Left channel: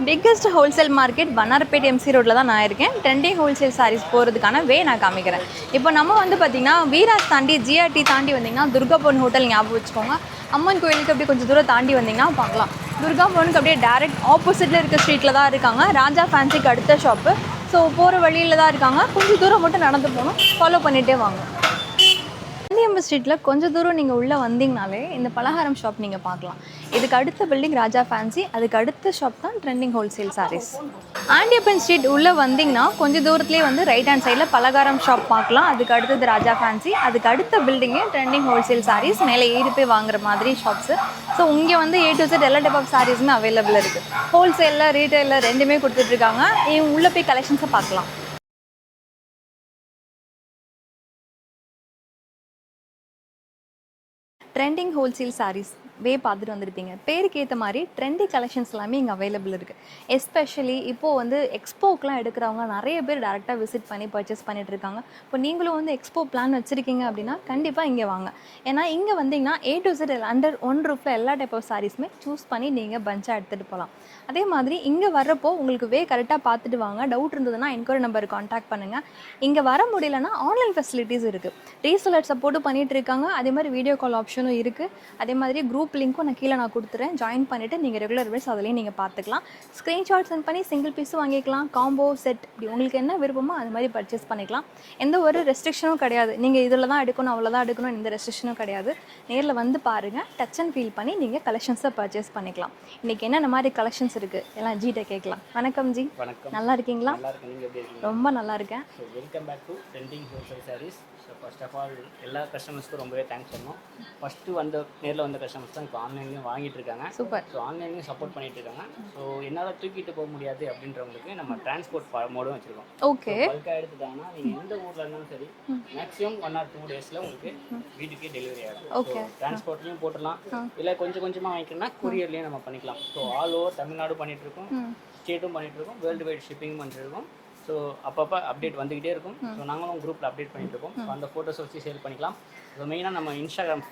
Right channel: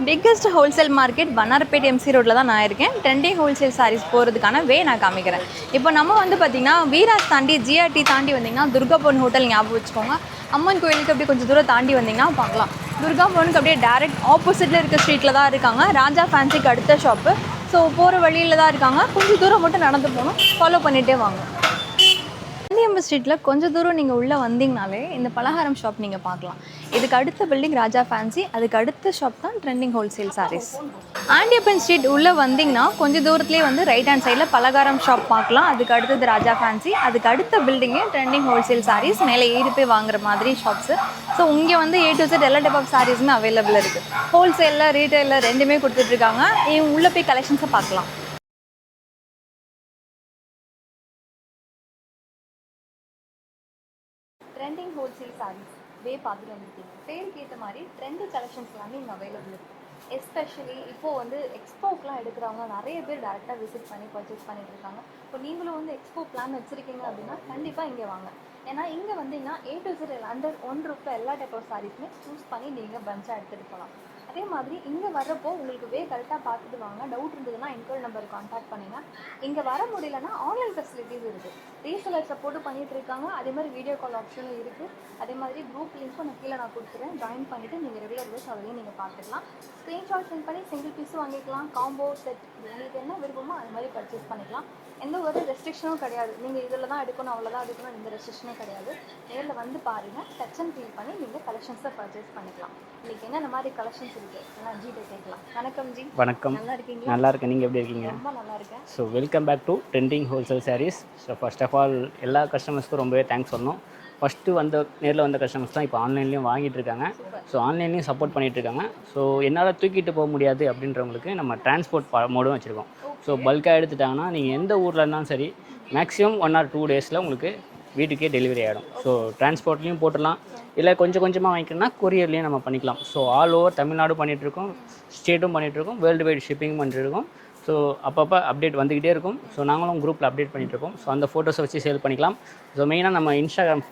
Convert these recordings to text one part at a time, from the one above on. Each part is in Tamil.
Biggest wholesale market Vannarapet MC ரோட்டில் தான் நான் இருக்கேன். ட்ரெண்டிங் ஹோல்சேல் சாரீஸ் போகிறதுக்கான நான் காமிக்கிறேன். இப்போ நம்ம வந்து பார்த்திங்கன்னா வீராஸ் தாண்டி ஜிஆர்டி தாண்டி வந்திங்கன்னா துர்கா பவன் ஹோட்டல் ஞாபகம் வச்சுக்கோங்க. அம்மன் கோயிலுக்கு அப்படியே கொஞ்சம் தூரம் தாண்டி வந்திங்கன்னா பார்க்கலாம். துர்கா பவனுக்கு அப்படியே டேரெக்ட் ஆப்போசிட்டில் இருக்க ஸ்ட்ரீட்டில் தான் இருக்காங்க. ராஜா ஃபேன்சிக்கு அடுத்த ஷாப்பு. ஸோ போகிற வழியில் தான் இருக்காங்க. கொஞ்சம் தூரம் மட்டும் நடந்து போகணும். ஃபாலோ பண்ணிகிட்டே வாங்க. காந்தியம்பு ஸ்ட்ரீட்டில் கொஞ்சம் தூரம் நீங்கள் உள்ளே வந்தீங்கனாலே இந்த பலகாரம் ஷாப் நீங்கள் பார்க்கலாம். இதுக்கு அடுத்த பில்டிங் ராஜா ஃபேன்சி, அதுக்கு அடுத்த ஷாப் தான் trending wholesale sarees. Andiyappan street உள்ளே வந்தீங்கன்னா கொஞ்சம் தூரத்துலேயே வந்து ரைட் ஹேண்ட் சைடில் பலகாரம் ஷாப் பார்க்கலாம். அதுக்கு அடுத்தது ராஜா ஃபேன்சி, அதுக்கு அடுத்த பில்டிங்கே ட்ரெண்டிங் ஹோல்சேல் சாரீஸ். மேலே ஏறி போய் வாங்குற மாதிரி ஷாப்ஸு. ஸோ இங்கே வந்து A to Z எல்லா டைப் ஆஃப் சாரீஸுமே அவைலபிள் இருக்குது. ஹோல்சேலில் ரீட்டைலில் ரெண்டுமே கொடுத்துட்ருக்காங்க. உள்ளே போய் கலெக்ஷன்ஸை பார்க்கலாம். ட்ரெண்டிங் ஹோல்சேல் சாரீஸ் பார்த்துட்டு வந்திருப்பீங்க. பேருக்கு ஏற்ற மாதிரி ட்ரெண்டி கலெக்ஷன்ஸ் எல்லாமே இங்கே அவைலபிள் இருக்குது. எஸ்பெஷலி இப்போது வந்து எக்ஸ்போக்கெலாம் எடுக்கிறவங்க நிறைய பேர் டேரெக்டாக விசிட் பண்ணி பர்ச்சேஸ் பண்ணிகிட்டு இருக்காங்க. இப்போ நீங்களும் வந்து எக்ஸ்போ பிளான் வச்சுருக்கீங்க அப்படின்னா கண்டிப்பாக இங்கே வாங்க. ஏன்னா இங்கே வந்தீங்கன்னா A to Z under one ரூஃபில் எல்லா டைப் ஆஃப் சாரீஸுமே சூஸ் பண்ணி நீங்கள் பஞ்சாக எடுத்துகிட்டு போகலாம். அதே மாதிரி இங்கே வர்றப்போ உங்களுக்கு கரெக்டாக பார்த்துட்டு வாங்க. டவுட் இருந்ததுன்னா என்கொயரி நம்பருக்கு காண்டாக்ட் பண்ணுங்கள். இங்கே வர முடியலன்னா ஆன்லைன் ஃபெசிலிட்டிஸ் இருக்குது. ரீசெலர் சப்போர்ட்டும் பண்ணிகிட்டு இருக்காங்க. அதே மாதிரி வீடியோ கால் ஆப்ஷனும் இருக்குது. அதே மாதிரி குரூப் லிங்க்கும் நான் கொடுத்துறேன். ஜாயின் பண்ணிவிட்டு நீங்கள் ரெகுலர் வைஸ் அதிலையும் நீங்கள் பார்த்துக்கலாம். ஸ்க்ரீன்ஷாட் சென்ட் பண்ணி சிங்கிள் பீஸும் வாங்கிக்கலாம். காம்போ செட் இப்படி உங்களுக்கு என்ன விருப்பமோ அது மாதிரி பர்ச்சேஸ் பண்ணிக்கலாம். எந்த ஒரு ரெஸ்ட்ரிக்ஷனும் கிடையாது. நீங்கள் இதில் தான் எடுக்கணும் அவ்வளோதான் எடுக்கணும் எந்த ரெஸ்ட்ரிக்ஷனும் கிடையாது. நேரில் வந்து பாருங்கள். டச் அண்ட் ஃபீல் பண்ணி நீங்கள் கலெக்ஷன்ஸை பர்ச்சேஸ் பண்ணிக்கலாம். இன்றைக்கி என்னென்ன மாதிரி கலெக்ஷன்ஸ் இருக்குது எல்லாம் ஜிட்ட கேட்கலாம். வணக்கம் ஜி. வணக்கம். நல்லா இருக்கீங்களா? நல்லா இருக்கேன். நீங்கள் எப்படி இருக்கீங்க? ரொம்ப நல்லா இருக்கேன். So welcome back to trending wholesale sarees. So first of all எல்லா கஸ்டமர்ஸ்க்கும் ரொம்பவே தேங்க்ஸ் சொல்லணும். ஃபஸ்ட்டு நேரில் வந்த கஸ்டமர்ஸ் தான் இப்போ ஆன்லைன்லேயும் வாங்கிட்டு இருக்காங்க. ஸோ ஆன்லைன்லேயும் சப்போர்ட் பண்ணிட்டு இருக்காங்க. ஸோ என்னால் தூக்கிட்டு போக முடியாது அப்படின்றவங்களுக்கு நம்ம டிரான்ஸ்போர்ட் மோடும் வச்சுருக்கோம். ஸோ பல்காக எடுத்துட்டாங்கன்னா நீங்கள் எந்த ஊரில் இருந்தாலும் சரி மேக்ஸிமம் 1 or 2 days உங்களுக்கு வீட்டுக்கே டெலிவரி ஆகிடும். ஸோ டிரான்ஸ்போர்ட்லேயும் போட்டுடலாம், இல்லை கொஞ்சம் கொஞ்சமாக வாங்கிக்கணும்னா கொரியர்லேயும் நம்ம பண்ணிக்கலாம். ஸோ ஆல் ஓவர் தமிழ்நாடு பண்ணிகிட்ருக்கோம், ஸ்டேட்டும் பண்ணிகிட்ருக்கோம், வேர்ல்டு வைட் ஷிப்பிங் பண்ணிட்டுருக்கோம். ஸோ அப்பப்போ அப்டேட் வந்துக்கிட்டே இருக்கும். ஸோ நாங்களும் குரூப்பில் அப்டேட் பண்ணிகிட்ருக்கோம். ஸோ அந்த ஃபோட்டோஸை வச்சு சேல் பண்ணிக்கலாம். ஸோ மெயினாக நம்ம இன்ஸ்டாகிராம்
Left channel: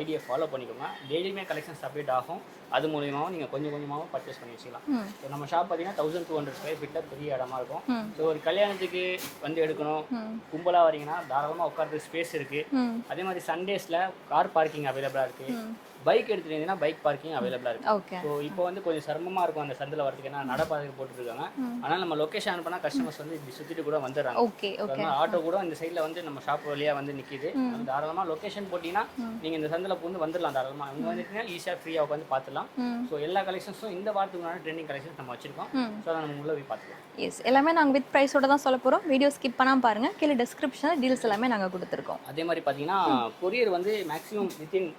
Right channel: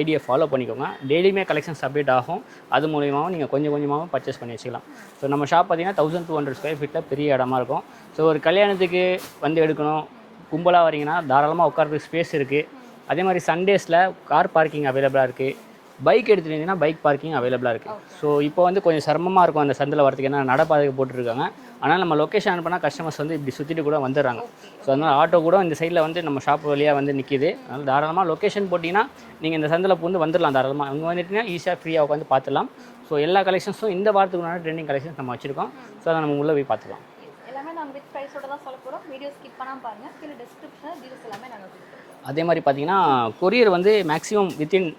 ஐடியை ஃபாலோ பண்ணிக்கோங்க. டெய்லியுமே கலெக்ஷன்ஸ் அப்டேட் ஆகும். அது மூலியமாகவும் நீங்கள் கொஞ்சம் கொஞ்சமாகவும் பர்ச்சேஸ் பண்ணி வச்சுக்கலாம். ஸோ நம்ம ஷாப் பார்த்தீங்கன்னா 1200 ஸ்கொயர் ஃபீட்டில் பெரிய இடமா இருக்கும். ஸோ ஒரு கல்யாணத்துக்கு வந்து எடுக்கணும், கும்பலாக வரீங்கன்னா தாராளமாக உட்காரத்துக்கு ஸ்பேஸ் இருக்குது. அதே மாதிரி சண்டேஸில் கார் பார்க்கிங் அவைலபிளாக இருக்குது. பைக் எடுத்துட்டீங்கன்னா பைக் பார்க்கிங் அவைலபிளாக இருக்குது. ஸோ இப்போ வந்து கொஞ்சம் சிரமமாக இருக்கும் அந்த சந்தில் வரதுக்கு, ஏன்னா நடப்பாதைக்கு போட்டுருக்காங்க. ஆனால் நம்ம லொக்கேஷன் அனுப்பினா கஸ்டமர்ஸ் வந்து இப்படி சுற்றிட்டு கூட வந்துடுறாங்க. ஸோ அதனால் ஆட்டோ கூட இந்த சைடில் வந்து நம்ம ஷாப் வழியாக வந்து நிற்கிது. அதனால் தாராளமாக லொக்கேஷன் போட்டிங்கன்னா நீங்கள் இந்த சந்தில் பூந்து வந்துடலாம். தாராளமாக அங்கே வந்துட்டீங்கன்னா ஈஸியாக ஃப்ரீயாக உட்காந்து பார்த்துலாம். ஸோ எல்லா கலெக்ஷன்ஸும் இந்த வாரத்துக்குனால ட்ரெண்டிங் கலெக்ஷன்ஸ் நம்ம வச்சிருக்கோம். ஸோ அதை நம்ம உள்ளே போய் பார்த்துக்கலாம். எஸ், எல்லாமே நாங்கள் வித் ப்ரைஸோட தான் சொல்ல போகிறோம். வீடியோ ஸ்கிப் பண்ணாமல் பாருங்கள். கீழே டிஸ்கிரிப்ஷனில் டீல்ஸ் எல்லாமே நாங்கள் கொடுத்துருக்கோம். அதே மாதிரி பார்த்தீங்கன்னா கொரியர் வந்து maximum within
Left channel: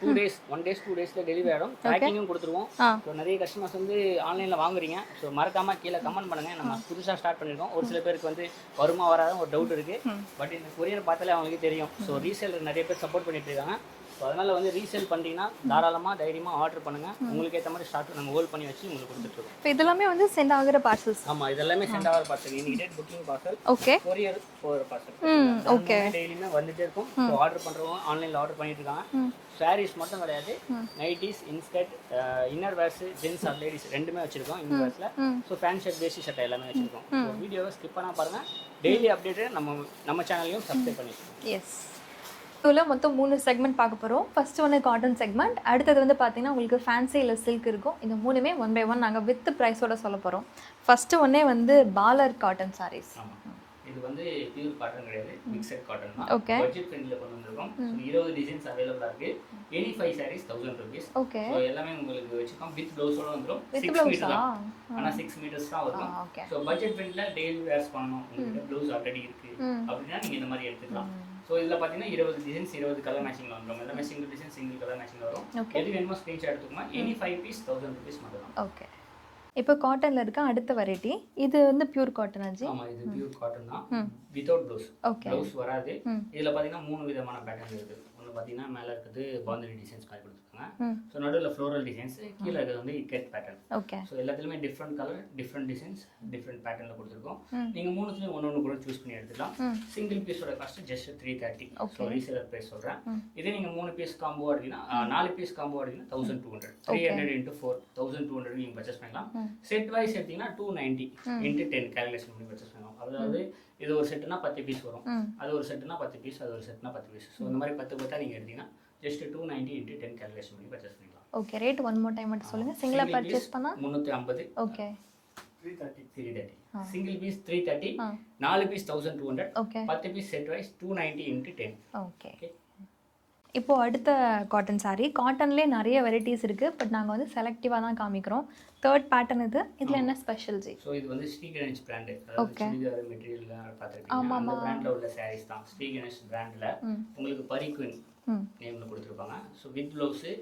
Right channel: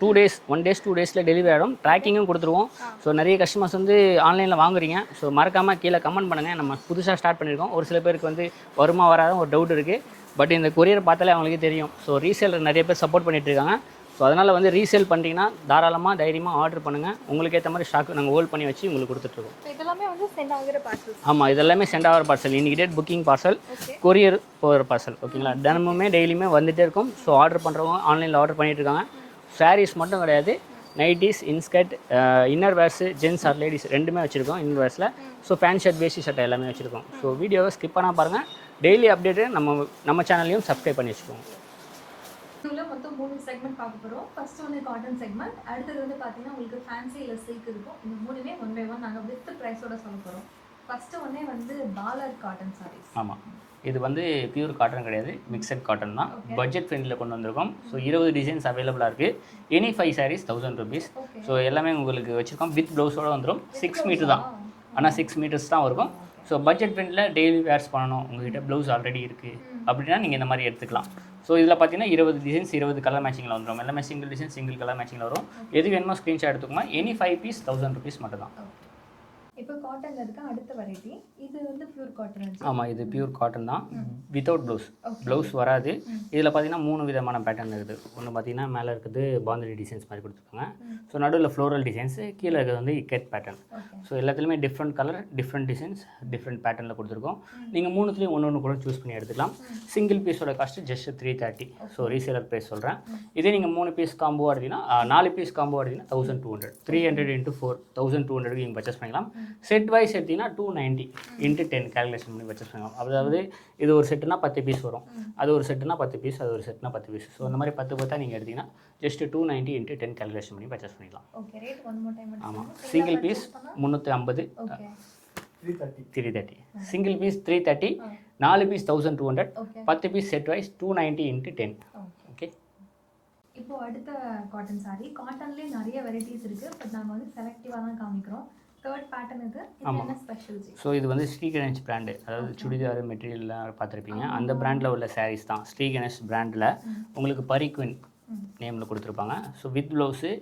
2 days 1 day 2 days delivery ஆகிடும். ட்ராக்கிங்கும் கொடுத்துருவோம். ஸோ நிறைய கஸ்டமர்ஸ் வந்து ஆன்லைனில் வாங்குறீங்க. ஸோ மறக்காமல் கீழே கமெண்ட் பண்ணுங்கள். நம்ம புதுசாக ஸ்டார்ட் பண்ணியிருக்கோம். ஒரு சில பேருக்கு வந்து வருமா வராத ஒரு டவுட் இருக்குது. பட் இந்த கொரியர் பார்த்தாலே அவங்களுக்கே தெரியும். ஸோ ரீசேலர் நிறைய பேர் சப்போர்ட் பண்ணிட்டு இருக்காங்க. ஸோ அதனால் வந்து ரீசேல் பண்ணிட்டீங்கன்னா தாராளமாக தைரியமாக ஆர்டர் பண்ணுங்கள். உங்களுக்கு ஏற்ற மாதிரி ஸ்டாக் நாங்கள் ஹோல்ட் பண்ணி வச்சு உங்களுக்கு கொடுத்துட்ருக்கோம். இப்போ இதெல்லாமே வந்து சென்ட் ஆகிற பார்சல்ஸ். ஆமாம், இதெல்லாமே சென்ட் ஆகிற பார்சல். இன்றைக்கி டேட் புக்கிங் பார்சல், கொரியர் போகிற பார்சல். ஓகேங்களா? தினமுமே டெய்லியுமே வந்துகிட்டே இருக்கும். ஸோ ஆர்டர் பண்ணுறவங்க ஆன்லைனில் ஆர்டர் பண்ணிட்டு இருக்காங்க. சாரீஸ் மட்டும் கிடையாது, nighties, inskirt, inner wears, gents or ladies ரெண்டுமே வச்சுருக்கோம் இன்னர் வேர்ஸில். So pant shirt, veshti shirt எல்லாமே வச்சுருக்கோம். ஸோ வீடியோவை ஸ்கிப் பண்ணால் பாருங்கள். டெய்லி அப்டேட்டு நம்ம சேனல்லையும் சப்ஸ்கிரைப் பண்ணி வச்சுக்கோங்க. எஸ், இதில் மொத்தம் 3 செக்மெண்ட் பார்க்க போகிறோம். ஃபஸ்ட்டு வந்து காட்டன் செக்மெண்ட், அடுத்தது வந்து பார்த்தீங்கன்னா உங்களுக்கு ஃபேன்சி இல்லை சில்க் இருக்கும். இந்த மூணுமே 1 by 1 நாங்கள் வித் ப்ரைஸோட சொல்ல போகிறோம். ஃபஸ்ட்டு ஒன்றே வந்து பாலர் காட்டன் சாரீஸ். ஆமாம், இது வந்து பியூர் காட்டன் கிடையாது, மிக்சட் காட்டன் தான். பட்ஜெட் ஃப்ரெண்டில் கொண்டு வந்திருக்கோம். ஸோ 20 டிசைன்ஸ் அவைலபிளாக இருக்குது. Any 5 sarees 1000 rupees. ஸோ எல்லாமே உங்களுக்கு வச்சுருக்கோம். வித் ப்ளவுஸோடு வந்துடும். 6 மீட்டர் தான், ஆனால் 6 meters தான் இருக்கும். ஸோ பட்ஜெட் ஃப்ரெண்டில் டெய்லி வேர்ஸ் பண்ணணும், உங்கள்கிட்ட ப்ளவுஸ் ஆல்ரெடி இருக்குது அப்படின்னா நீங்கள் இந்த மாதிரி எடுத்துக்கலாம். ஸோ இதில் பார்த்தீங்கன்னா 20 டிசைன்ஸ் 20 கலர் மேட்சிங்கில் வந்துடும். எல்லாமே சிங்கிள் டிசைன் சிங்கிள் கலர் மேட்சிங்கில் வரும். எது வேணுமோ ஸ்க்ரீன்ஷாட் எடுத்துக்கோங்க. எனி 5 piece 1000 rupees மட்டும் தான். ஓகே, இப்போ காட்டனில் இருக்க அடுத்த வெரைட்டி இது வந்து பியூர் காட்டன் ஆச்சு. ஆமாம், இது பியூர் காட்டன் தான், வித்தவுட் ப்ளவுஸ். ப்ளவுஸ் வராது. இதில் பார்த்தீங்கன்னா 3 விதமான பேட்டர்ன் இருக்குது. ஒன்று பார்த்தீங்கன்னா மேலே இருக்குது பாந்தரி டிசைன்ஸ் மாதிரி கொடுத்துருக்காங்க. ஸோ நடுவில் ஃப்ளோரல் டிசைன்ஸ், கீழே இருக்கிறது வந்து இக்கெட் பேட்டர்ன். ஸோ எல்லாத்துலேயுமே different colour, different designs, different பேட்டர்னில் கொடுத்துருக்கோம். நீங்கள் 3த்துலேயும் ஒன்று கூட சூஸ் பண்ணி எடுத்துக்கலாம். சிங்கிள் பீஸோட cost just 330. So reseller price சொல்கிறேன். இதே நீங்கள் 3 பீஸ் காம்போ எடுத்தீங்கன்னா 4 பீஸ் காம்போ எடுத்தீங்கன்னா 1200. 300 into 4 1200 நீங்கள் பர்ச்சேஸ் பண்ணிக்கலாம். செட் வைஸ் எடுத்தீங்கன்னா 290 இன்ட்டு 10 கால்குலேஷன் பண்ணி பர்ச்சேஸ் பண்ணலாம். அதாவது இது ஒரு செட்டுனா 10 பீஸ் வரும், அது ஒரு செட்டுனா 10 பீஸ், அது ஒரு செட்னா 10 பீஸ். ஸோ அந்த மாதிரி 10 நீங்கள் எடுத்தீங்கன்னா ஜஸ்ட் 290 இன்ட்டு 10 கால்குலேஷன் பண்ணி பர்ச்சேஸ் பண்ணிக்கலாம். Okay, rate one more time மட்டும் சொல்லுங்க. Single piece 350, okay 330. Single piece 330, 4 piece 1200, 10 piece set wise 290 into 10. Okay okay. இப்போ அடுத்த காட்டன் சாரீ. காட்டன்லேயே நிறைய வெரைட்டிஸ் இருக்குது, பட் நாங்கள் வந்து செலக்டிவாக தான் காமிக்கிறோம். தேர்ட் பேட்டர்ன் இதில் என்ன ஸ்பெஷல் ஜி? ஸோ இது வந்து ஸ்ரீ கணேஷ் பிராண்டு, அதாவது சுடிதார் மெட்டீரியல்லாம் பார்த்துருப்பீங்க, அந்த பிராண்டில் உள்ள சாரீஸ் தான். ஸ்ரீ கணேஷ் பிராண்டில் உங்களுக்கு பரிக்குவின் நேமில் கொடுத்துருப்பாங்க. ஸோ வித் ப்ளவுஸு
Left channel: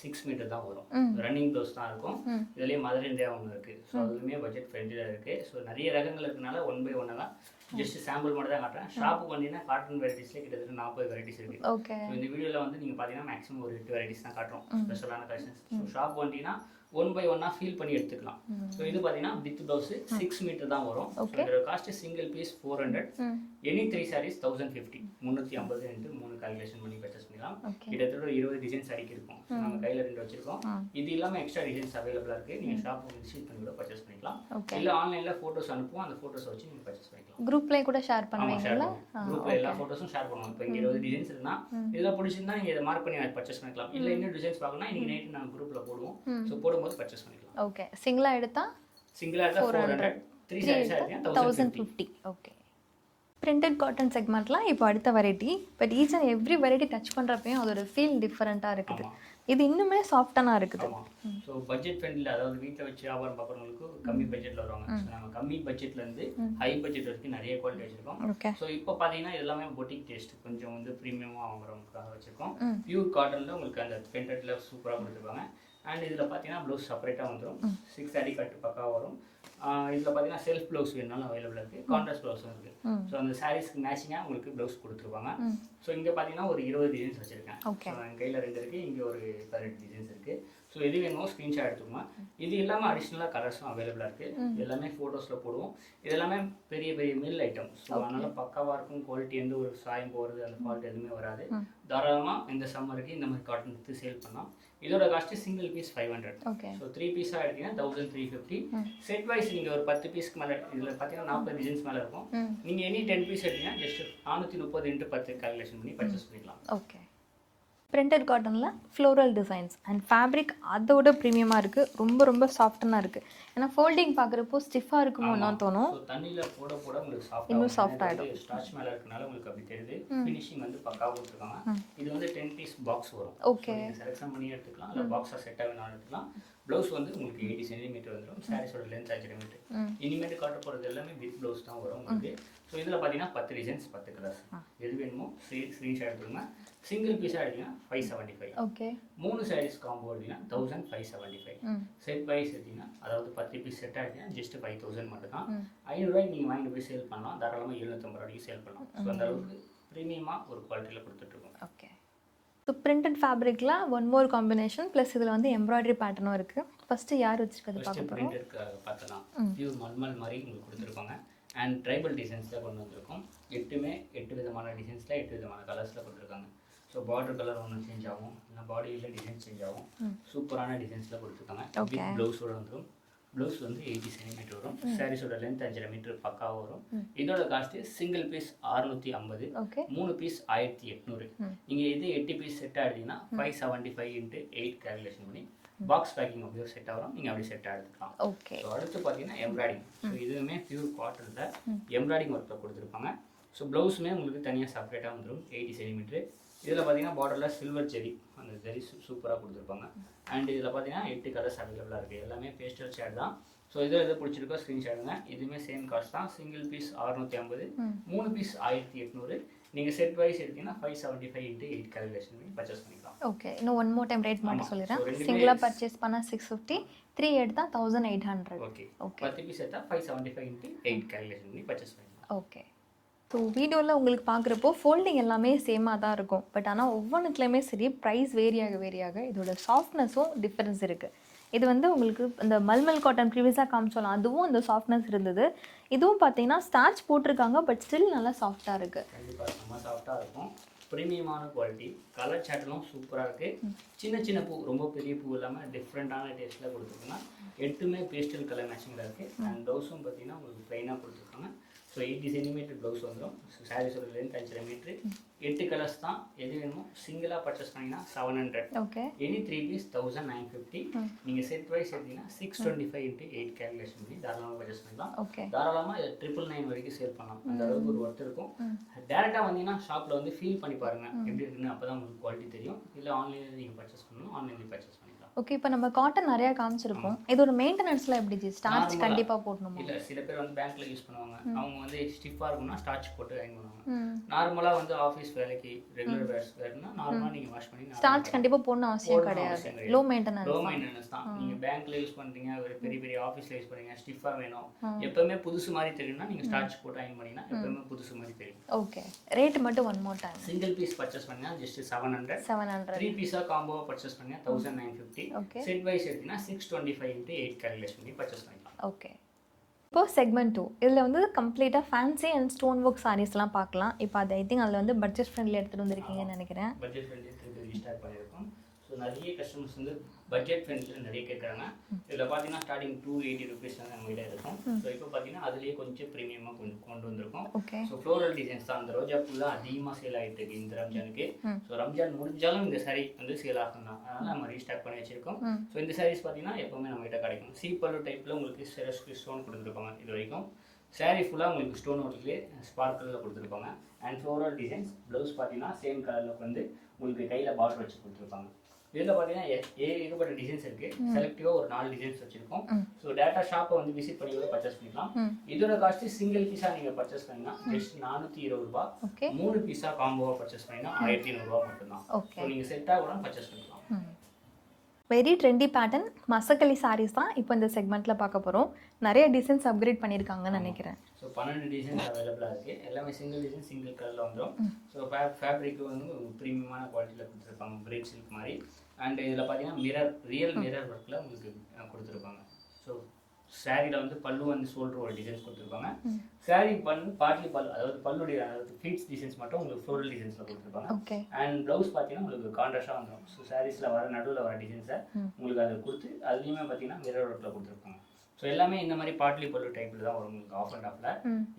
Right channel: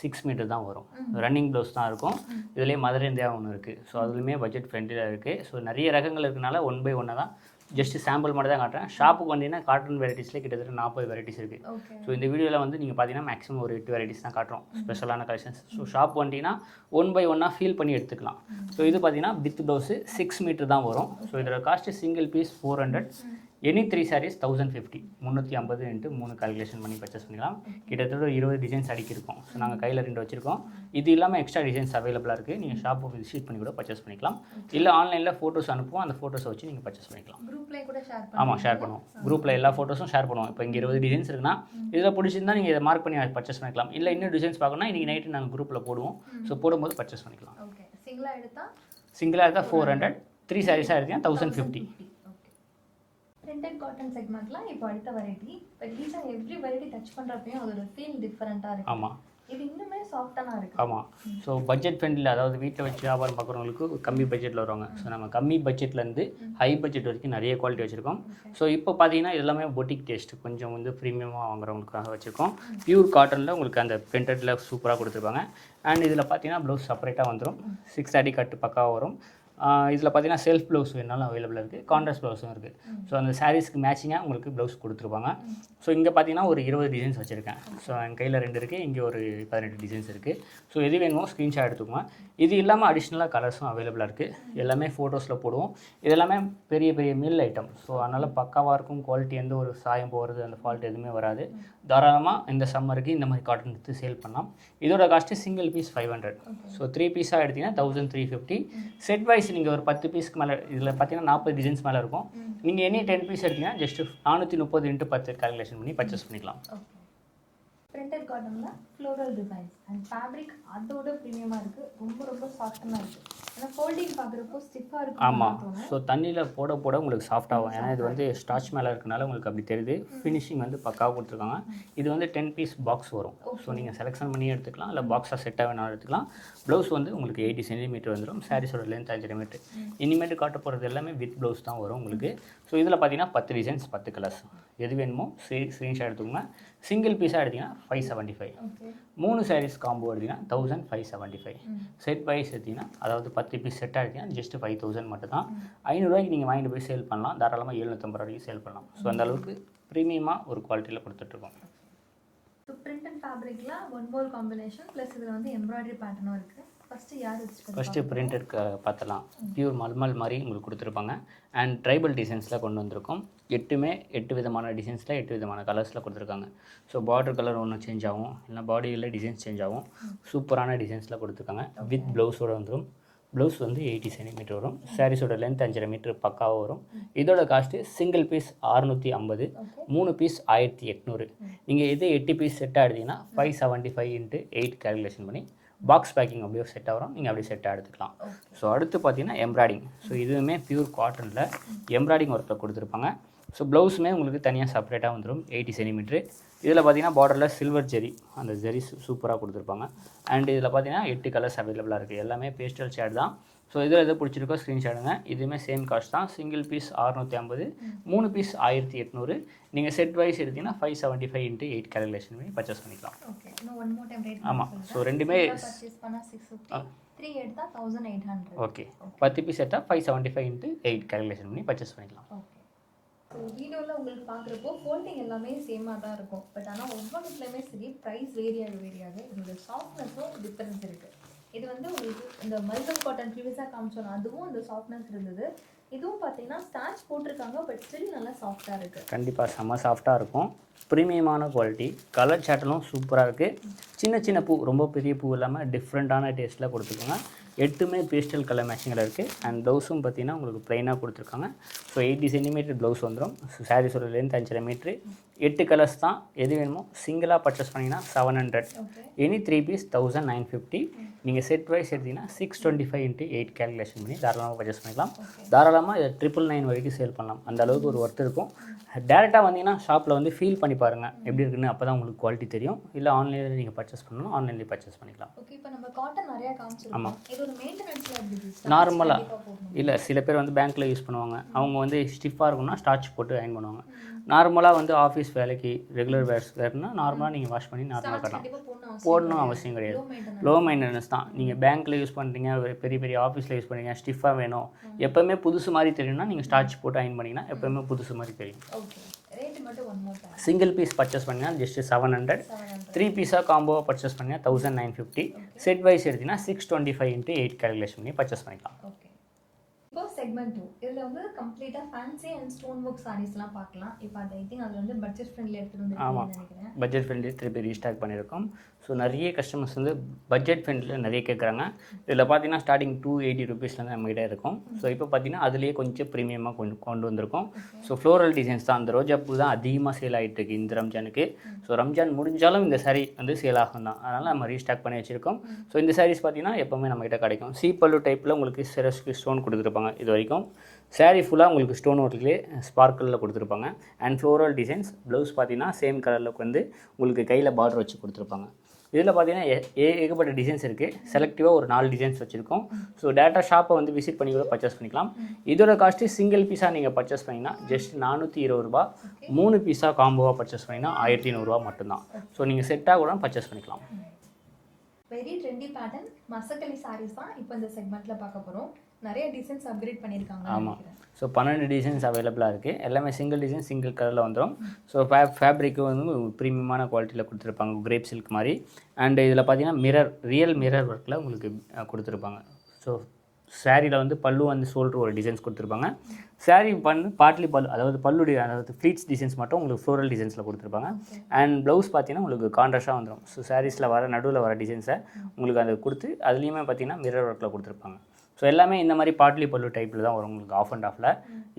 6 மீட்டர் தான் வரும், ரன்னிங் ப்ளவுஸ் தான் இருக்கும். இதுலேயே மதர் இந்தியா ஒன்று இருக்குது. ஸோ அதுலேயுமே பட்ஜெட் ஃப்ரெண்ட்லியாக இருக்குது. ஸோ நிறைய ரகங்கள் இருக்கனால 1 by 1 தான் ஜஸ்ட் சாம்பிள் மட்டும் தான் காட்டுறேன். ஷாப்புக்கு வந்தீங்கன்னா காட்டன் வெரைட்டிஸ்லேயே கிட்டத்தட்ட 40 வெரைட்டிஸ் இருக்குது. ஓகே. ஸோ இந்த வீடியோவில் வந்து நீங்கள் பார்த்தீங்கன்னா மேக்ஸிமம் ஒரு 8 வெரைட்டிஸ் தான் காட்டுறோம், ஸ்பெஷலான கலெக்ஷன்ஸ். ஸோ ஷாப் வந்தீங்கன்னா 1 by 1 ஃபீல் பண்ணி எடுத்துக்கலாம். ஸோ இது பார்த்தீங்கன்னா வித் ப்ளவுஸு 6 மீட்டர் தான் வரும். ஸோ இதோட cost single piece 400, any 3 sarees 1050. 350 into 3 calculation பண்ணி பர்ச்சேஸ் பண்ணிக்கலாம். கிட்டத்தட்ட 20 டிசைன்ஸ் அடிக்கிருக்கோம். ஸோ நாங்கள் கையில் 2 வச்சுருக்கோம். இது இல்லாமல் எக்ஸ்ட்ரா டிசைன்ஸ் அவைலபிளாக இருக்குது. நீங்கள் ஷாப்புக்கு விசிட் பண்ணி கூட பர்ச்சேஸ் பண்ணிக்கலாம். இல்லை ஆன்லைனில் ஃபோட்டோஸ் அனுப்புவோம், அந்த ஃபோட்டோஸை வச்சு நீங்கள் பர்ச்சேஸ் பண்ணிக்கலாம். குரூப்லேயே கூட ஷேர் பண்ணுவோம். ஆமாம், ஷேர் பண்ணுவோம். குரூப்பில் எல்லா ஃபோட்டோஸும் ஷேர் பண்ணுவோம். இப்போ இங்கே 20 டிசைன்ஸ் இருக்குன்னா இதில் பிடிச்சிருந்தா நீங்கள் இதை மார்க் பண்ணி பர்ச்சேஸ் பண்ணிக்கலாம். இல்லை இன்னும் டிசைன்ஸ் பார்க்கணும்னா இன்றைக்கி நைட்டு நாங்கள் குரூப்பில் போடுவோம். ஸோ போடும்போது பர்ச்சேஸ் பண்ணிக்கலாம். ஓகே. சிங்கிளாக எடுத்தால் 400, 3 சாரீஸாக எடுத்தீங்கன்னா 1050. ஓகே. பிரிண்டட் காட்டன் செக்மெண்ட்லாம் இப்போ அடுத்த variety. But each and every variety touch பண்ணுறப்பையும் அதோட ஃபீல் டிஃப்ரெண்ட்டாக இருக்குது. ஆமாம், இது இன்னுமே சாஃப்டாக இருக்குது. ஆமாம். ஸோ பட்ஜெட் ஃப்ரெண்ட்லியில், அதாவது வீட்டில் வச்சு வியாபாரம் பார்க்குறவங்களுக்கு கம்மி பட்ஜெட்டில் வருவாங்க. ஸோ நம்ம கம்மி பட்ஜெட்லேருந்து ஹை பட்ஜெட் வரைக்கும் நிறைய குவாலிட்டி வச்சுருக்கோம். ஸோ இப்போ பார்த்தீங்கன்னா இது எல்லாமே பொட்டிக் டேஸ்ட், கொஞ்சம் வந்து ப்ரீமியமாக வாங்குறவங்களுக்காக வச்சுருக்கோம். பியூர் காட்டனில் உங்களுக்கு அந்த பிரிண்டடில் சூப்பராக கொடுத்துருப்பாங்க. அண்ட் இதில் பார்த்தீங்கன்னா ப்ளவுஸ் செப்பரேட்டாக வந்துடும். 6 கட்டு பக்காவாக வரும். இதில் பார்த்தீங்கன்னா செல்ஃப் ப்ளவுஸ் வேணாலும் அவைலபிளாக இருக்குது, கான்ட்ராஸ்ட் ப்ளவுஸும் இருக்குது. ஸோ அந்த சாரீஸ்க்கு மேட்சிங்காக உங்களுக்கு ப்ளவுஸ் கொடுத்துருப்பாங்க. ஸோ இங்கே பார்த்தீங்கன்னா ஒரு 20 டிசைன்ஸ் வச்சுருக்கேன். ஸோ என் கையில் 2 இருக்குது, இங்கே ஒரு 18 டிசைன்ஸ் இருக்குது. ஸோ எது வேணுமோ ஸ்க்ரீன்ஷாட் எடுத்துக்கோங்க. இது இல்லாமல் அடிஷ்னலாக கலர்ஸும் அவைலபிளாக இருக்குது. எல்லாமே ஃபோட்டோஸில் போடுவோம். இது எல்லாமே பெரிய பெரிய மில் ஐட்டம். ஸோ அதனால் பக்காவாக இருக்கும். குவாலிட்டி எந்த ஒரு சாயம் போகிறது அந்த ஃபால்ட் எதுவுமே வராது. தாராளமாக இந்த சம்மருக்கு இந்த மாதிரி காட்டன் எடுத்து சேல் பண்ணலாம். இதோட காஸ்ட்டு சிங்கிள் பீஸ் 500. ஸோ 3 பீஸாக எடுத்தீங்கன்னா 1350. செட் வைஸ் நீங்கள் ஒரு 10 பீஸ்க்கு மேலே, இதில் பார்த்தீங்கன்னா 40 டிசைன்ஸ் மேலே இருக்கும். நீங்கள் எனி 10 பீஸ் எடுத்தீங்கன்னா ஜஸ்ட் 430 இன்ட்டு 10 கால்குலேஷன் பண்ணி பர்ச்சேஸ் பண்ணிக்கலாம். ஓகே. பிரிண்டட் காட்டனில் ஃப்ளோரல் டிசைன்ஸ் அண்ட் ஃபேப்ரிக் அதோட ப்ரீமியமாக இருக்குது. ரொம்ப ரொம்ப சாஃப்டனாக இருக்குது. ஏன்னா ஃபோல்டிங் பார்க்குறப்போ ஸ்டிஃபாக இருக்கும்னு தோணும். ஸோ தண்ணியில் போட போட உங்களுக்கு சாஃப்டாகும். ஏன்னா இது வந்து ஸ்டார்ச் மேலே இருக்கனால உங்களுக்கு அப்படி தெரியுது. ஃபினிஷிங் வந்து பக்காவாக கொடுத்துருக்காங்க. இது வந்து 10 பீஸ் பாக்ஸ் வரும். ஸோ நீங்கள் செலெக்ஷன் பண்ணி எடுத்துக்கலாம், இல்லை பாக்ஸாக செட்டாக வேணாலும் எடுத்துக்கலாம். ப்ளவுஸ் வந்து உங்களுக்கு 80 சென்டிமீட்டர் வந்துடும். சாரீஸோட லென்த் 5 மீட்டர். இனிமேட்டு காட்ட போகிறது எல்லாமே வித் ப்ளவுஸ் தான் வரும் உங்களுக்கு. ஸோ இதில் பார்த்தீங்கன்னா 10 டிசைன்ஸ் 10 கலர்ஸ். எது வேணுமோ ஸ்க்ரீன்ஷாட் எடுத்துக்கோங்க. சிங்கிள் பீஸாக எடுத்தீங்கன்னா 575. ஓகே. 3 சாரீஸ் காம்போ எடுத்தீங்கன்னா 1575. செட் வைஸ் எடுத்தீங்கன்னா, அதாவது 10 பீஸ் செட்டாக எடுத்தீங்கன்னா ஜஸ்ட் 5000 மட்டும் தான். 500 ரூபாய்க்கு நீங்கள் வாங்கிட்டு போய் சேல் பண்ணலாம். தாராளமாக 750 ரூபாய்க்கு சேல் பண்ணலாம். ஸோ அந்த அளவுக்கு ப்ரீமியமாக ஒரு குவாலிட்டியில் கொடுத்துட்ருக்கோம். ஓகே. ஸோ பிரிண்டட் ஃபேப்ரிக்கில் ஒன் மோர் காம்பினேஷன் ப்ளஸ் இதில் வந்து எம்ப்ராய்டரி பேட்டர்னும் இருக்குது. ஃபஸ்ட்டு யார் வச்சுருக்காங்க? ஃபஸ்ட்டு பிரிண்டட்க்கு பார்த்தலாம். பியூர் மல்மல் மாதிரி உங்களுக்கு கொடுத்துருப்பாங்க. அண்ட் ட்ரைபல் டிசைன்ஸில் கொண்டு வந்திருக்கோம். 8 விதமான டிசைன்ஸில் 8 விதமான கலர்ஸில் கொடுத்துருக்காங்க. ஸோ பார்டர் கலர் ஒன்று சேஞ்ச் ஆகும், இல்லை பாடியில் டிசைன்ஸ் சேஞ்ச் ஆகும். சூப்பரான டிசைன்ஸில் கொடுத்துருக்காங்க. வித் ப்ளவுஸோடு வந்துடும். ப்ளவுஸ் வந்து 80 சென்டிமீட்டர் வரும். சாரீஸோட லென்த் 5.5 மீட்டர் பக்காவாக வரும். இதோட காஸ்ட்டு சிங்கிள் பீஸ் 650, 3 பீஸ் 1800. நீங்கள் இது 8 பீஸ் செட்டாக எடுத்தீங்கன்னா 575 இன்ட்டு 8 கால்குலேஷன் பண்ணி பாக்ஸ் பேக்கிங் அப்படியே ஒரு செட்டாக வரும். நீங்கள் அப்படியே செட்டாக எடுத்துக்கலாம். ஸோ அடுத்து பார்த்தீங்கன்னா எம்ப்ராய்டிங். ஸோ இதுவுமே பியூர் காட்டனில் எம்ப்ராய்டிங் ஒர்க்கில் கொடுத்துருப்பாங்க. ஸோ ப்ளவுஸுமே உங்களுக்கு தனியாக செப்பரேட்டாக வந்துடும். 80 சென்டிமீட்ரு. இதில் பார்த்தீங்கன்னா பார்டரில் சில்வர் ஜெரி, அந்த ஜெரி சூப்பராக கொடுத்துருப்பாங்க. அண்ட் இதில் பார்த்தீங்கன்னா 8 கலர்ஸ் அவைலபிளாக இருக்குது. எல்லாமே பேஸ்டல் ஷேட் தான். ஸோ இதில் எது பிடிச்சிருக்கோ ஸ்க்ரீன்ஷாட்டுங்க. இதுவுமே சேம் காஸ்ட் தான். Single piece 650, 3 piece 1800. நீங்கள் செட் வைஸ் எடுத்தீங்கன்னா 575 இன்ட்டு 8 கால்குலேஷன் பண்ணி பர்ச்சேஸ் பண்ணிக்கலாம். ஓகே. இன்னும் ஒன் மோர் டைம் ரேட் ஆமாம். சொல்லிடுறேன். ஸோ ரெண்டுமே பர்ச்சேஸ் பண்ணால் 650, 3 எடுத்தால் 1800. ஓகே. 10 பீஸ் எடுத்தால் 575 இன்ட்டு 8 கால்குலேஷன் பண்ணி பர்ச்சேஸ் பண்ணிக்கலாம். ஓகே. ஸோ வீடியோவில் உங்களுக்கு பார்க்குறப்போ ஃபோல்டிங் எல்லாமே சேமாக தான் இருக்கும். பட் ஆனால் ஒவ்வொன்றுத்துலேயுமே சரி ப்ரைஸ் வேரியாக இதோட சாஃப்ட்னஸும் டிஃப்ரென்ஸ் இருக்குது. இது வந்து உங்களுக்கு இந்த மல்மல் காட்டன் ப்ரீவியஸாக காமிச்சோலாம், அதுவும் அந்த சாஃப்ட்னஸ் இருந்தது. இதுவும் பார்த்தீங்கன்னா ஸ்டார்ச் போட்டிருக்காங்க, பட் ஸ்டில் நல்லா சாஃப்டாக இருக்குது. கண்டிப்பாக செம்ம சாஃப்டாக இருக்கும். ப்ரீமியமான குவாலிட்டி. கலர் சாட்டலும் சூப்பராக இருக்குது. சின்ன சின்ன பூ, ரொம்ப பெரிய பூ இல்லாமல் டிஃப்ரெண்ட்டான டேஸ்ட்டில் கொடுத்துக்கோங்க. 8மே பேஸ்டல் கலர் மேட்சிங்கில் இருக்குது. அண்ட் ப்ளவுஸும் பார்த்தீங்கன்னா உங்களுக்கு ப்ளைனாக கொடுத்துருக்காங்க. ஸோ 80 சென்டிமீட்டர் ப்ளவுஸ் வந்துடும். ஸோ சாரீஸோட லென்த் 5.5 மீட்ரு. 8 கலர்ஸ் தான். எது வேணுமோ சிங்கிளாக பர்ச்சேஸ் பண்ணிங்கன்னா 700. Any 3 piece 1950. நீங்கள் செட் ப்ரைஸ் எடுத்தீங்கன்னா 625 × 8 கேல்குலேஷன் பண்ணி தாராளமாக பர்ச்சேஸ் பண்ணிக்கலாம். தாராளமாக இதை 999 வரைக்கும் சேல் பண்ணலாம். அந்த அளவுக்கு ஒரு ஒர்த் இருக்கும். டேரெக்டாக வந்தீங்கன்னா ஷாப்பில் வந்து ஃபீல் பண்ணி பாருங்கள் எப்படி இருக்குன்னு. அப்போ தான் உங்களுக்கு குவாலிட்டி தெரியும். இல்லை ஆன்லைனில் நீங்கள் பர்ச்சேஸ் பண்ணணும், ஆன்லைன்லேயே பர்ச்சேஸ் பண்ணிக்கலாம். ஓகே, இப்போ நம்ம காட்டன் நிறையா காமிச்சிருக்கோம். இது ஒரு மெயின்டெனன்ஸில் எப்படி நார்மலாக கண்டிப்பாக போடணும்? இல்லை, சில பேர் வந்து பேங்க்கில் யூஸ் பண்ணுவாங்க. அவங்க வந்து ஸ்டிஃபாக இருக்கும்னா ஸ்டார்ச் போட்டு அயன் பண்ணுவாங்க. நார்மலாக வந்து ஆஃபீஸ் வேலைக்கு ரெகுலர் வேர்னா நார்மலாக நீங்கள் வாஷ் பண்ணி ஸ்டார்ச் கண்டிப்பாக போடணும் அவசியம் கிடையாது. லோ லோ மெயின்டெனன்ஸ் தான். நீங்கள் பேங்க்கில் யூஸ் பண்ணுறீங்க, பெரிய பெரிய ஆஃபீஸில் யூஸ் பண்ணுறீங்க, ஸ்டிஃபாக வேணும், எப்போவுமே புதுசு மாதிரி தெரியும்னா நீங்கள் ஸ்டார்ச் போட்டு அயன் பண்ணிங்கன்னா எப்போவுமே புதுசு மாதிரி தெரியும். ஓகே, ரேட் மட்டும் one more time. Single piece purchase பண்ணிங்கன்னா ஜஸ்ட் 700. 3 பீஸாக காம்போவாக பர்ச்சேஸ் பண்ணிங்கன்னா 1950. செட் வைஸ் எடுத்தீங்கன்னா 625 × 8 கேல்குலேஷன் பண்ணி பர்ச்சேஸ் பண்ணிக்கலாம். ஓகே, இப்போ செக்மெண்ட் 2 இதில் வந்து கம்ப்ளீட்டாக ஃபேன்சி அண்ட் ஸ்டோன் ஒர்க் சாரீஸ்லாம் பார்க்கலாம். இப்போ அது ஐ திங்க் அதில் வந்து பட்ஜெட் ஃப்ரெண்ட்லி எடுத்துகிட்டு வந்துருக்கீங்கன்னு நினைக்கிறேன். பட்ஜெட் ஃப்ரெண்ட்லி திருப்பி ரீஸ்டாக் பண்ணியிருக்கோம். ஸோ நிறைய கஸ்டமர்ஸ் வந்து பட்ஜெட் ஃப்ரெண்ட்லியில் நிறைய கேட்குறாங்க. இதில் பார்த்தீங்கன்னா ஸ்டார்டிங் 280 ருபீஸ்லேருந்து நம்மகிட்ட இருக்கும். ஸோ இப்போ பார்த்தீங்கன்னா அதுலேயே கொஞ்சம் ப்ரீமியமாக கொண்டு வந்திருக்கோம். ஸோ ஃப்ளோரல் டிசைன்ஸ் தான். அந்த ரோஜா பூ தான் அதிகமாக சேல் ஆகிட்டு இருக்கு இந்த ரம்ஜானுக்கு. ஸோ ரம்ஜான் முடிஞ்சாலும் இந்த சாரீ வந்து சேல் ஆகும் தான். அதனால் நம்ம ரீஸ்டாக் பண்ணி வச்சுருக்கோம். ஸோ இந்த சாரீஸ் பார்த்தீங்கன்னா எப்போவுமே நம்மகிட்ட கிடைக்கும். பல்லு டைப்பில் உங்களுக்கு சிரஸ்க்கு ஸ்டோன் கொடுத்துருப்பாங்க. இது வரைக்கும் சாரீ ஃபுல்லாக உங்களுக்கு ஸ்டோன் ஒர்க்லேயே ஸ்பார்க்கிளில் கொடுத்துருப்பாங்க. And floral designs. ப்ளவுஸ் பார்த்தீங்கன்னா சேம் கலரில் வந்து உங்களுக்கு கையில் பார்டர் வச்சு கொடுத்துருப்பாங்க. இதில் பார்த்தீங்கன்னா ஏகப்பட்ட டிசைன்ஸ் இருக்குது. செலக்டிவாக ஒரு 4 டிசைன்ஸ் வச்சுருக்கோம். ஸோ டேட்டா ஷாப்பை வந்து விசிட் பண்ணி கூட பர்ச்சேஸ் பண்ணிக்கலாம். இதோட காஸ்ட்டு சிங்கிள் பீஸாக நீங்கள் பர்ச்சேஸ் பண்ணிங்கன்னா ஜஸ்ட் 420 ரூபா. 3 பீஸாக காம்போவாக பர்ச்சேஸ் பண்ணிங்கன்னா 1500 ரூபா மட்டும்தான். ஸோ நீங்கள் செட்டாக கூட பர்ச்சேஸ் பண்ணிக்கலாம். வெரி ட்ரெண்டி பேட்டர்ன் மசக்கலி சாரீஸ் தான் இப்போ இந்த செக்மெண்ட்டில் பார்க்க போகிறோம். நிறைய டிசைன்ஸ் அப்கிரேட் பண்ணியிருக்காங்கன்னு நினைக்கிறேன். ஸோ 12 டிசைன்ஸ் அவைலபிளாக இருக்குது. எல்லாமே சிங்கிள் டிசைன் சிங்கிள் கலரில் வந்துடும். ஸோ ஃபேப்ரிக்கு வந்து ப்ரீமியமான குவாலிட்டியில் கொடுத்துருப்பாங்க, கிரேப் சில்க் மாதிரி. அண்ட் இதில் பார்த்தீங்கன்னா ரியல் மிரர் ஒர்க்கில் உங்களுக்கு கொடுத்துருப்பாங்க. ஸோ சாரியில் வந்து பல்லு வந்து ஷோல்டர் ஒரு டிசைன்ஸ் கொடுத்துருப்பாங்க. சாரீ பார்ட்லி பல்லு, அதாவது பல்லுடைய அதாவது ஃப்ளீட்ஸ் டிசைன்ஸ் மட்டும் உங்களுக்கு ஃப்ளோரல் டிசைன்ஸில் கொடுத்துருப்பாங்க. அண்ட் ப்ளவுஸ் பார்த்தீங்கன்னா உங்களுக்கு கான்ட்ராஸ்டாக வந்துடும். ஸோ சாரீஸில் நடுவில் வர டிசைன்ஸை உங்களுக்கு அதை கொடுத்து அதுலேயுமே பார்த்தீங்கன்னா மிரர் ஒர்க்கில் கொடுத்துருப்பாங்க. ஸோ எல்லாமே இந்த மாதிரி பார்ட்லி பல்லு டைப்பில் தான் வரும் உங்களுக்கு. ஆஃப் அண்ட் ஆஃபில்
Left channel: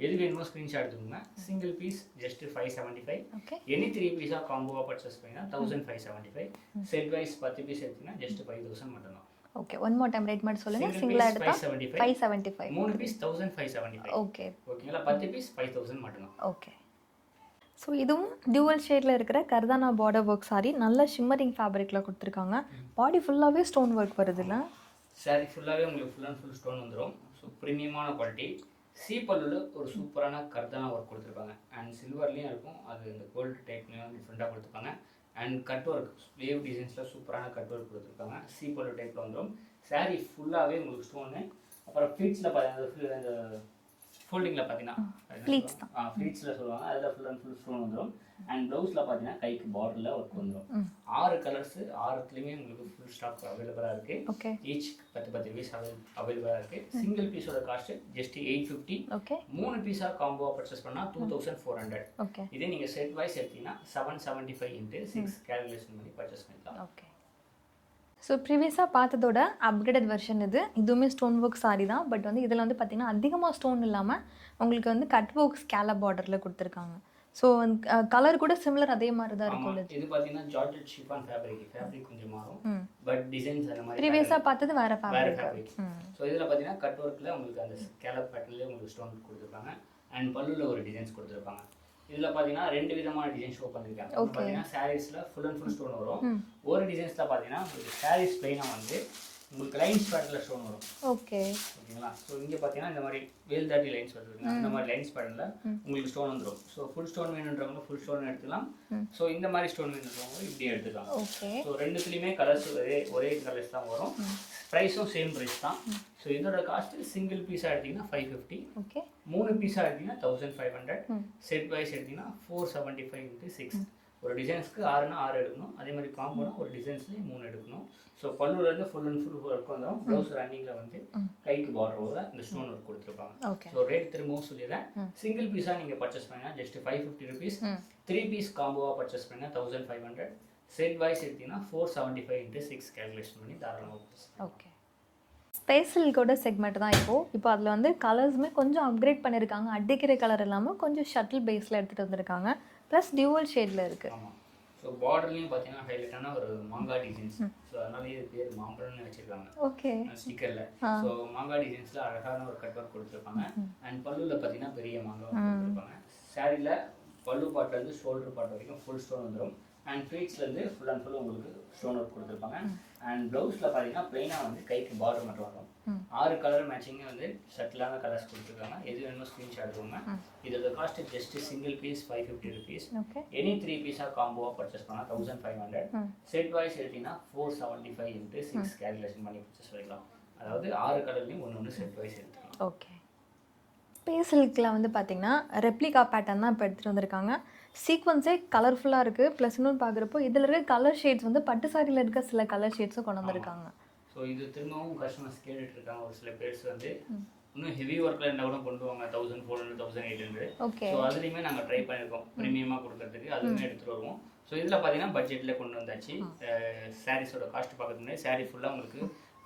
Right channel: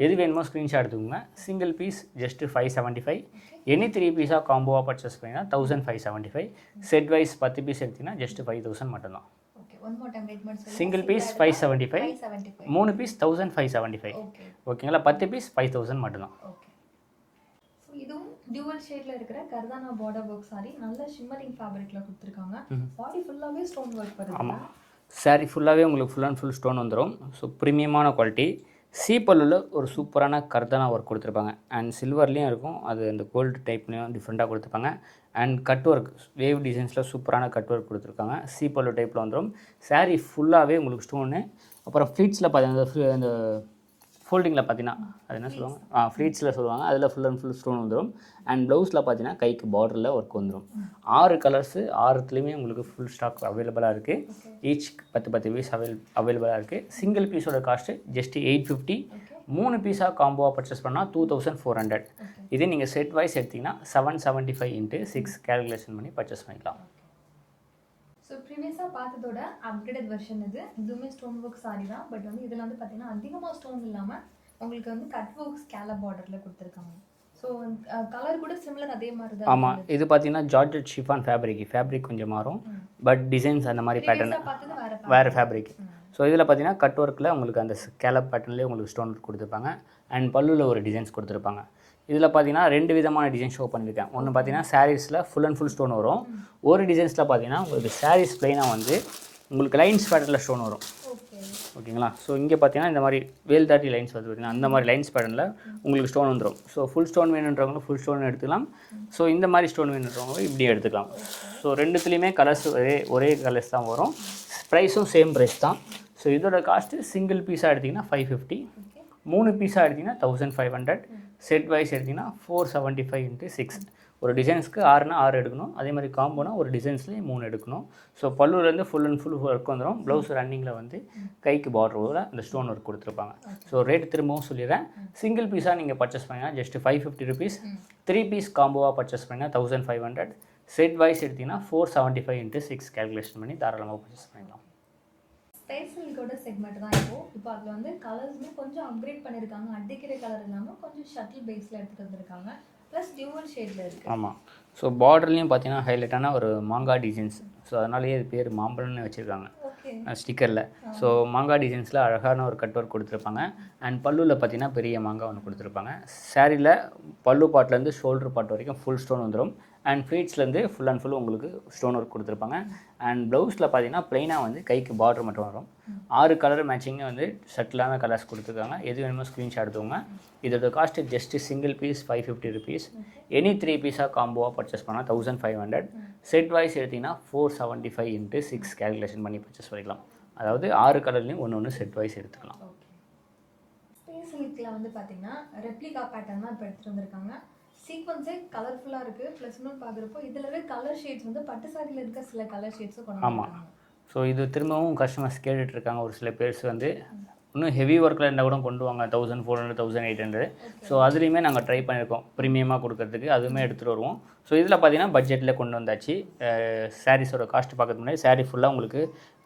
எது வேணுமோ ஸ்க்ரீன்ஷாட் எடுத்துக்கோங்க. Single piece just 575. எனி 3 பீஸாக காம்போவாக பர்ச்சேஸ் பண்ணிங்கன்னா 1575. செட் வைஸ் 10 பீஸ் எடுத்திங்கன்னா ஜஸ்ட் 5000 மட்டும்தான். Okay, one more time rate மட்டும் சொல்லுங்க. Single piece 575. 3 பீஸ் 1575. ஓகேங்களா? 10 பீஸ் 5000 மட்டும்தான். ஓகே, ஸோ இதுவும் டியூவல் ஷேடில் இருக்கிற கர்தானா பார்டர் ஒர்க் சாரி. நல்ல ஷிம்மரிங் ஃபேப்ரிக்கில் கொடுத்துருக்காங்க. பாடி ஃபுல்லாகவே ஸ்டோன் ஒர்க் வருதுன்னா சாரீ ஃபுல்லாகவே உங்களுக்கு ஃபுல் அண்ட் ஃபுல் ஸ்டோன் வந்துடும். ஸோ ப்ரீமியமான குவாலிட்டி. பல்லுவில் ஒரு சூப்பரான கர்தானா ஒர்க் கொடுத்துருப்பாங்க. அண்ட் சில்வர்லேயும் இருக்கும், அது அந்த கோல்டு டைப்லேயும் டிஃப்ரெண்ட்டாக கொடுத்துருப்பாங்க. அண்ட் கட் ஒர்க் வேவ் டிசைன்ஸில் சூப்பரான கட் ஒர்க் கொடுத்துருக்காங்க. பல்லு டைப்பில் வந்துடும். சாரீ ஃபுல்லாகவே உங்களுக்கு ஸ்டோனு. அப்புறம் ஃப்ளீட்ஸில் பார்த்தீங்கன்னா அந்த ஃபோல்டிங்கில் பார்த்தீங்கன்னா அது என்ன சொல்லுவாங்க, ஃப்ளீட்ஸில் சொல்லுவாங்க. அதில் ஃபுல் அண்ட் ஃபுல் ஸ்டோன் வந்துடும். அண்ட் ப்ளவுஸில் பார்த்தீங்கன்னா கைக்கு பார்டரில் ஒர்க் வந்துடும். 6 கலர்ஸு 6த்துலேயுமே உங்களுக்கு ஃபுல் ஸ்டாக் அவைலபிளாக இருக்குது. ஈச் 10 பீஸ் அவைலபிளாக இருக்குது. சிங்கிள் பீஸோட காஸ்ட்டு ஜஸ்ட் 850. 3 பீஸாக காம்போவாக பர்ச்சேஸ் பண்ணால் 2400. இதே நீங்கள் செட் வைஸ் எடுத்திங்கன்னா 775 × 6 கேல்குலேஷன் பண்ணி பர்ச்சேஸ் பண்ணிக்கலாம். ஸோ ப்ரீவியஸாக பார்த்ததோட அப்கிரேடட் வெர்ஷன் இதுவுமே ஸ்டோன் ஒர்க் சாரி தான். பட் வந்து இதில் வந்து பார்த்திங்கன்னா அதிகமாக ஸ்டோன் இல்லாமல் உங்களுக்கு வந்து கட் ஒர்க் ஸ்கேலப் பார்டரில் கொடுத்துருக்காங்க. ஸோ கலர் கூட சிமிலர் அதே மாதிரி தான். ஆமாம், இது பார்த்தீங்கன்னா ஜார்ஜெட் ஷிஃபான் ஃபேப்ரிக் கொஞ்சம் மாறும். பட் டிசைன்ஸ் அந்த மாதிரி பேட்டர்ன் பார்த்தது வேறு ஃபேப்ரிக். ஸோ இதில் பார்த்தீங்கன்னா கட் ஒர்க்கில் உங்களுக்கு அந்த ஸ்கேலப் பேட்டர்ன்லேயே உங்களுக்கு ஸ்டோன் கொடுத்துருப்பாங்க. அண்ட் பல்லுவில் ஒரு டிசைன்ஸ் கொடுத்துருப்பாங்க. இதில் பார்த்தீங்கன்னா 2 விதமான டிசைன் ஷோ பண்ணியிருக்கேன். ஒன்று பார்த்தீங்கன்னா சாரீஸில் ஃபுல் அண்ட் ஃபுல் ஸ்டோன் வரும். ஒரு டிசைன்ஸில் பார்த்தீங்கன்னா உங்களுக்கு சாரீஸ் பிளைனாக வந்து உங்களுக்கு லைன்ஸ் பேட்டர்னில் ஸ்டோன் வரும். ஓகேங்களா? ஸோ இங்கே பார்த்தீங்கன்னா இந்த மாதிரி வேல் தாட்டி லைன்ஸ் வந்து பார்த்தீங்கன்னா அந்த மாதிரி லைன்ஸ் பேட்டர்னில் உங்களுக்கு ஸ்டோன் வந்துடும். ஸோ ஃபுல் ஸ்டோன் வேணுன்றவங்களும் ஃபுல் ஸ்டோன் எடுத்துக்கலாம். ஸோ இந்த மாதிரி ஸ்டோன் வேணுன்றவங்களும் இப்படி எடுத்துக்கலாம். ஸோ ரெண்டுத்துலேயுமே கலர்ஸ் ஒரே கலர்ஸ் தான் வரும். ப்ரைஸும் சேம் ப்ரைஸ் தான். ஸோ இதோட காஸ்ட்டு சிங்கிள் பீஸாக எடுத்திங்கன்னா 550. 3 பீஸாக எடுத்திங்கன்னா 1500. செட் வைஸ் எடுத்திங்கன்னா 475 × 6. ஒரு டிசைன்ஸ்க்கு 6னா 6 எடுக்கணும். அதே மாதிரி காம்போனா ஒரு டிசைன்ஸ்லேயே 3 எடுக்கணும். ஸோ பல்லுலேருந்து ஃபுல் அண்ட் ஃபுல் ஒர்க் வந்துடும். ப்ளவுஸ் ரன்னிங்கில் வந்து கைக்கு பார்டரோட அந்த ஸ்டோன் ஒர்க் கொடுத்துருப்பாங்க. ஸோ ரேட் திரும்பவும் சொல்லிடுறேன். சிங்கிள் பீஸாக நீங்கள் பர்ச்சேஸ் பண்ணிங்கன்னா ஜஸ்ட் 550 ருபீஸ். 3 பீஸ் காம்போவாக பர்ச்சேஸ் பண்ணிங்கன்னா 1500. செட் வைஸ் எடுத்திங்கன்னா 475 × 6 கேல்குலேஷன் பண்ணி தாராளமாக பர்ச்சேஸ் பண்ணிக்கலாம். ஸ்பேஷியல்கோட செக்மெண்ட் தான் இப்போ அதில் வந்து கலர்ஸுமே கொஞ்சம் அப்கிரேட் பண்ணியிருக்காங்க. அடிக்கிற கலர் இல்லாமல் கொஞ்சம் ஷட்டில் பேஸில் எடுத்துகிட்டு வந்திருக்காங்க. ப்ளஸ் டியூவல் ஷேடில் இருக்குது. ஆமாம். ஸோ பார்டர்லேயும் பார்த்தீங்கன்னா ஹைலைட்டான ஒரு மாங்காய் டிசைன்ஸ். ஸோ அதனாலேயே இது பேர் மாம்பழம்னு வச்சுருக்காங்க ஓகே ஸ்டிக்கரில். ஸோ மாங்காய் டிசைன்ஸில் அழகான ஒரு கட் ஒர்க் கொடுத்துருப்பாங்க. அண்ட் பல்லுவில் பார்த்தீங்கன்னா பெரிய மாங்காய் ஒன்று கொடுத்துருப்பாங்க. சாரியில் பல்லு பாட்லேருந்து ஷோல்டர் பார்ட் வரைக்கும் ஃபுல் ஸ்டோன் வந்துடும். அண்ட் ஃப்ளீட்ஸ்லேருந்து ஃபுல் அண்ட் ஃபுல் உங்களுக்கு ஸ்டோன் ஒர்க் கொடுத்துருப்பாங்க. அண்ட் ப்ளவுஸில் பார்த்தீங்கன்னா ப்ளைனாக வந்து கைக்கு பார்டர் மட்டும் வரும். 6 கலர் மேட்சிங்கு வந்து ஷட்டிலான கலர்ஸ் கொடுத்துருக்காங்க. எது வேணுமோ ஸ்க்ரீன்ஷாட் எடுத்துக்கோங்க. இதோட cost just single piece 550 rupees. Any 3 பீஸாக காம்போவாக பர்ச்சேஸ் பண்ணால் 1500. செட் வைஸ் எடுத்திங்கன்னா 475 × 6 கேல்குலேஷன் பண்ணி பர்ச்சேஸ் பண்ணிக்கலாம். அதாவது 6 கலர்லேயும் ஒன்று செட் வைஸ் எடுத்துக்கலாம். ஓகே. ஸ்பேஷியலுக்கில் வந்து பார்த்திங்கன்னா ரெப்ளிகா பேட்டர்ன் தான் இப்போ எடுத்துகிட்டு வந்திருக்காங்க. சீக்வன்ஸே கலர்ஃபுல்லாக இருக்குது. ப்ளஸ் இன்னொன்று பார்க்குறப்போ இதில் இருக்க கலர் ஷேட்ஸ் வந்து பட்டு சாரியில் இருக்க சில கலர் ஷேட்ஸும் கொண்டு வந்திருக்காங்க. ஸோ இது திரும்பவும் கஸ்டமர்ஸ் கேட்டுட்ருக்காங்க. ஒரு சில பேர்ஸ் வந்து இன்னும் ஹெவி ஒர்க்கில் இருந்தால் கூட கொண்டு வாங்க 1400 1800. ஸோ அதுலேயுமே நாங்கள் ட்ரை பண்ணியிருக்கோம் ப்ரீமியமாக கொடுக்கறதுக்கு. அதுவுமே எடுத்துகிட்டு வருவோம். ஸோ இதில் பார்த்தீங்கன்னா பட்ஜெட்டில் கொண்டு வந்தாச்சு. சாரீஸோட காஸ்ட் பார்க்கறதுக்கு முன்னாடி சாரீ ஃபுல்லாக உங்களுக்கு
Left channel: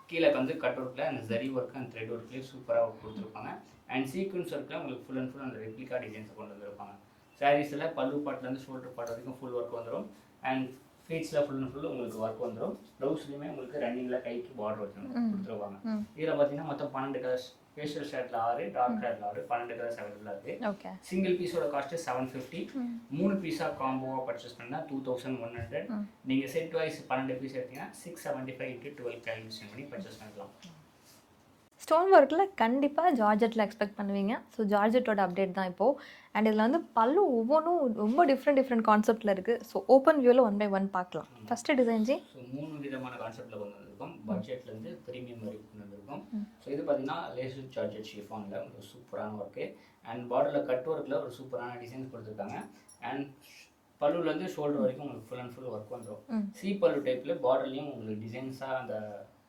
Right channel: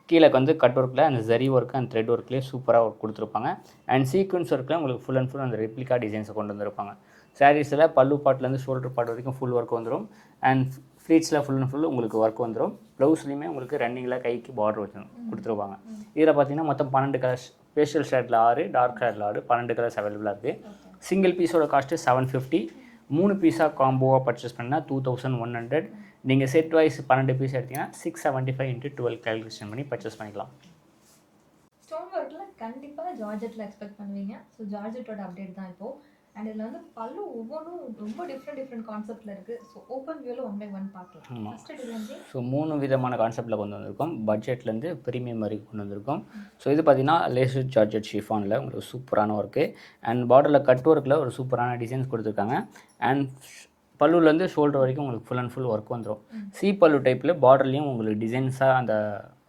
கீழே வந்து கட் ஒர்க்கில் அந்த ஜரி ஒர்க்கு அந்த த்ரெட் ஒர்க்லேயே சூப்பராக ஒர்க் கொடுத்துருப்பாங்க. அண்ட் சீக்வன்ஸ் ஒர்க்கில் உங்களுக்கு ஃபுல் அண்ட் ஃபுல் அந்த ரெப்ளிகா டிசைன்ஸை கொண்டு வந்திருப்பாங்க. சாரீஸில் பல்லு பாட்லேருந்து ஷோல்டர் பார்ட் வரைக்கும் ஃபுல் ஒர்க் வந்துடும். அண்ட் ஃப்ளீட்ஸில் ஃபுல் அண்ட் ஃபுல் உங்களுக்கு ஒர்க் வந்துடும். ப்ளவுஸ்லையுமே உங்களுக்கு ரன்னிங்கில் கைக்கு பார்டர் வச்சு கொடுத்துருவாங்க. இதில் பார்த்தீங்கன்னா மொத்தம் 12 கலர்ஸ். ஃபேஷியல் ஷேடில் 6, டார்க் ஷேடில் 6, 12 கலர்ஸ் அவைலபிளாக இருக்குது. சிங்கிள் பீஸோட காஸ்ட்டு 750. 3 பீஸாக காம்போவாக பர்ச்சேஸ் பண்ணால் 2100. நீங்கள் செட் வைஸ் 12 பீஸ் எடுத்தீங்கன்னா 675 × 12 கேல்குலேஷன் பண்ணி பர்ச்சேஸ் பண்ணிக்கலாம். ஸ்டோன் ஒர்க்கில் கண்டிப்பாக ஜார்ஜெட்டில் எக்ஸ்பெக்ட் பண்ணுவீங்க. ஸோ ஜார்ஜெட்டோட அப்டேட் தான் இப்போது. அண்ட் இதில் வந்து பல்லு ஒவ்வொன்றும் ரொம்ப டிஃப்ரெண்ட் கான்செப்டில் இருக்குது. ஸோ ஓப்பன் வியூவில் 1 by 1 பார்க்கலாம். First design G. ஸோ 3 விதமான கான்செப்டில் கொண்டு வந்திருக்கோம். பட்ஜெட்லேருந்து ப்ரீமியம் வரைக்கும் கொண்டு வந்திருக்கோம். ஸோ இது பார்த்தீங்கன்னா லேசர் ஜார்ஜெட் ஷிஃபானில் உங்களுக்கு சூப்பரான ஒர்க்கு. அண்ட் பார்டரில் கட் ஒர்க்கில் ஒரு சூப்பரான டிசைன்ஸ் கொடுத்துருக்காங்க. அண்ட் பல்லுலேருந்து ஷோல்டர் வரைக்கும் உங்களுக்கு ஃபுல் அண்ட் ஃபுல் ஒர்க் வந்துடும். சி பல்லு டைப்பில் பார்டர்லேயும் உங்களுக்கு டிசைன்ஸாக அந்த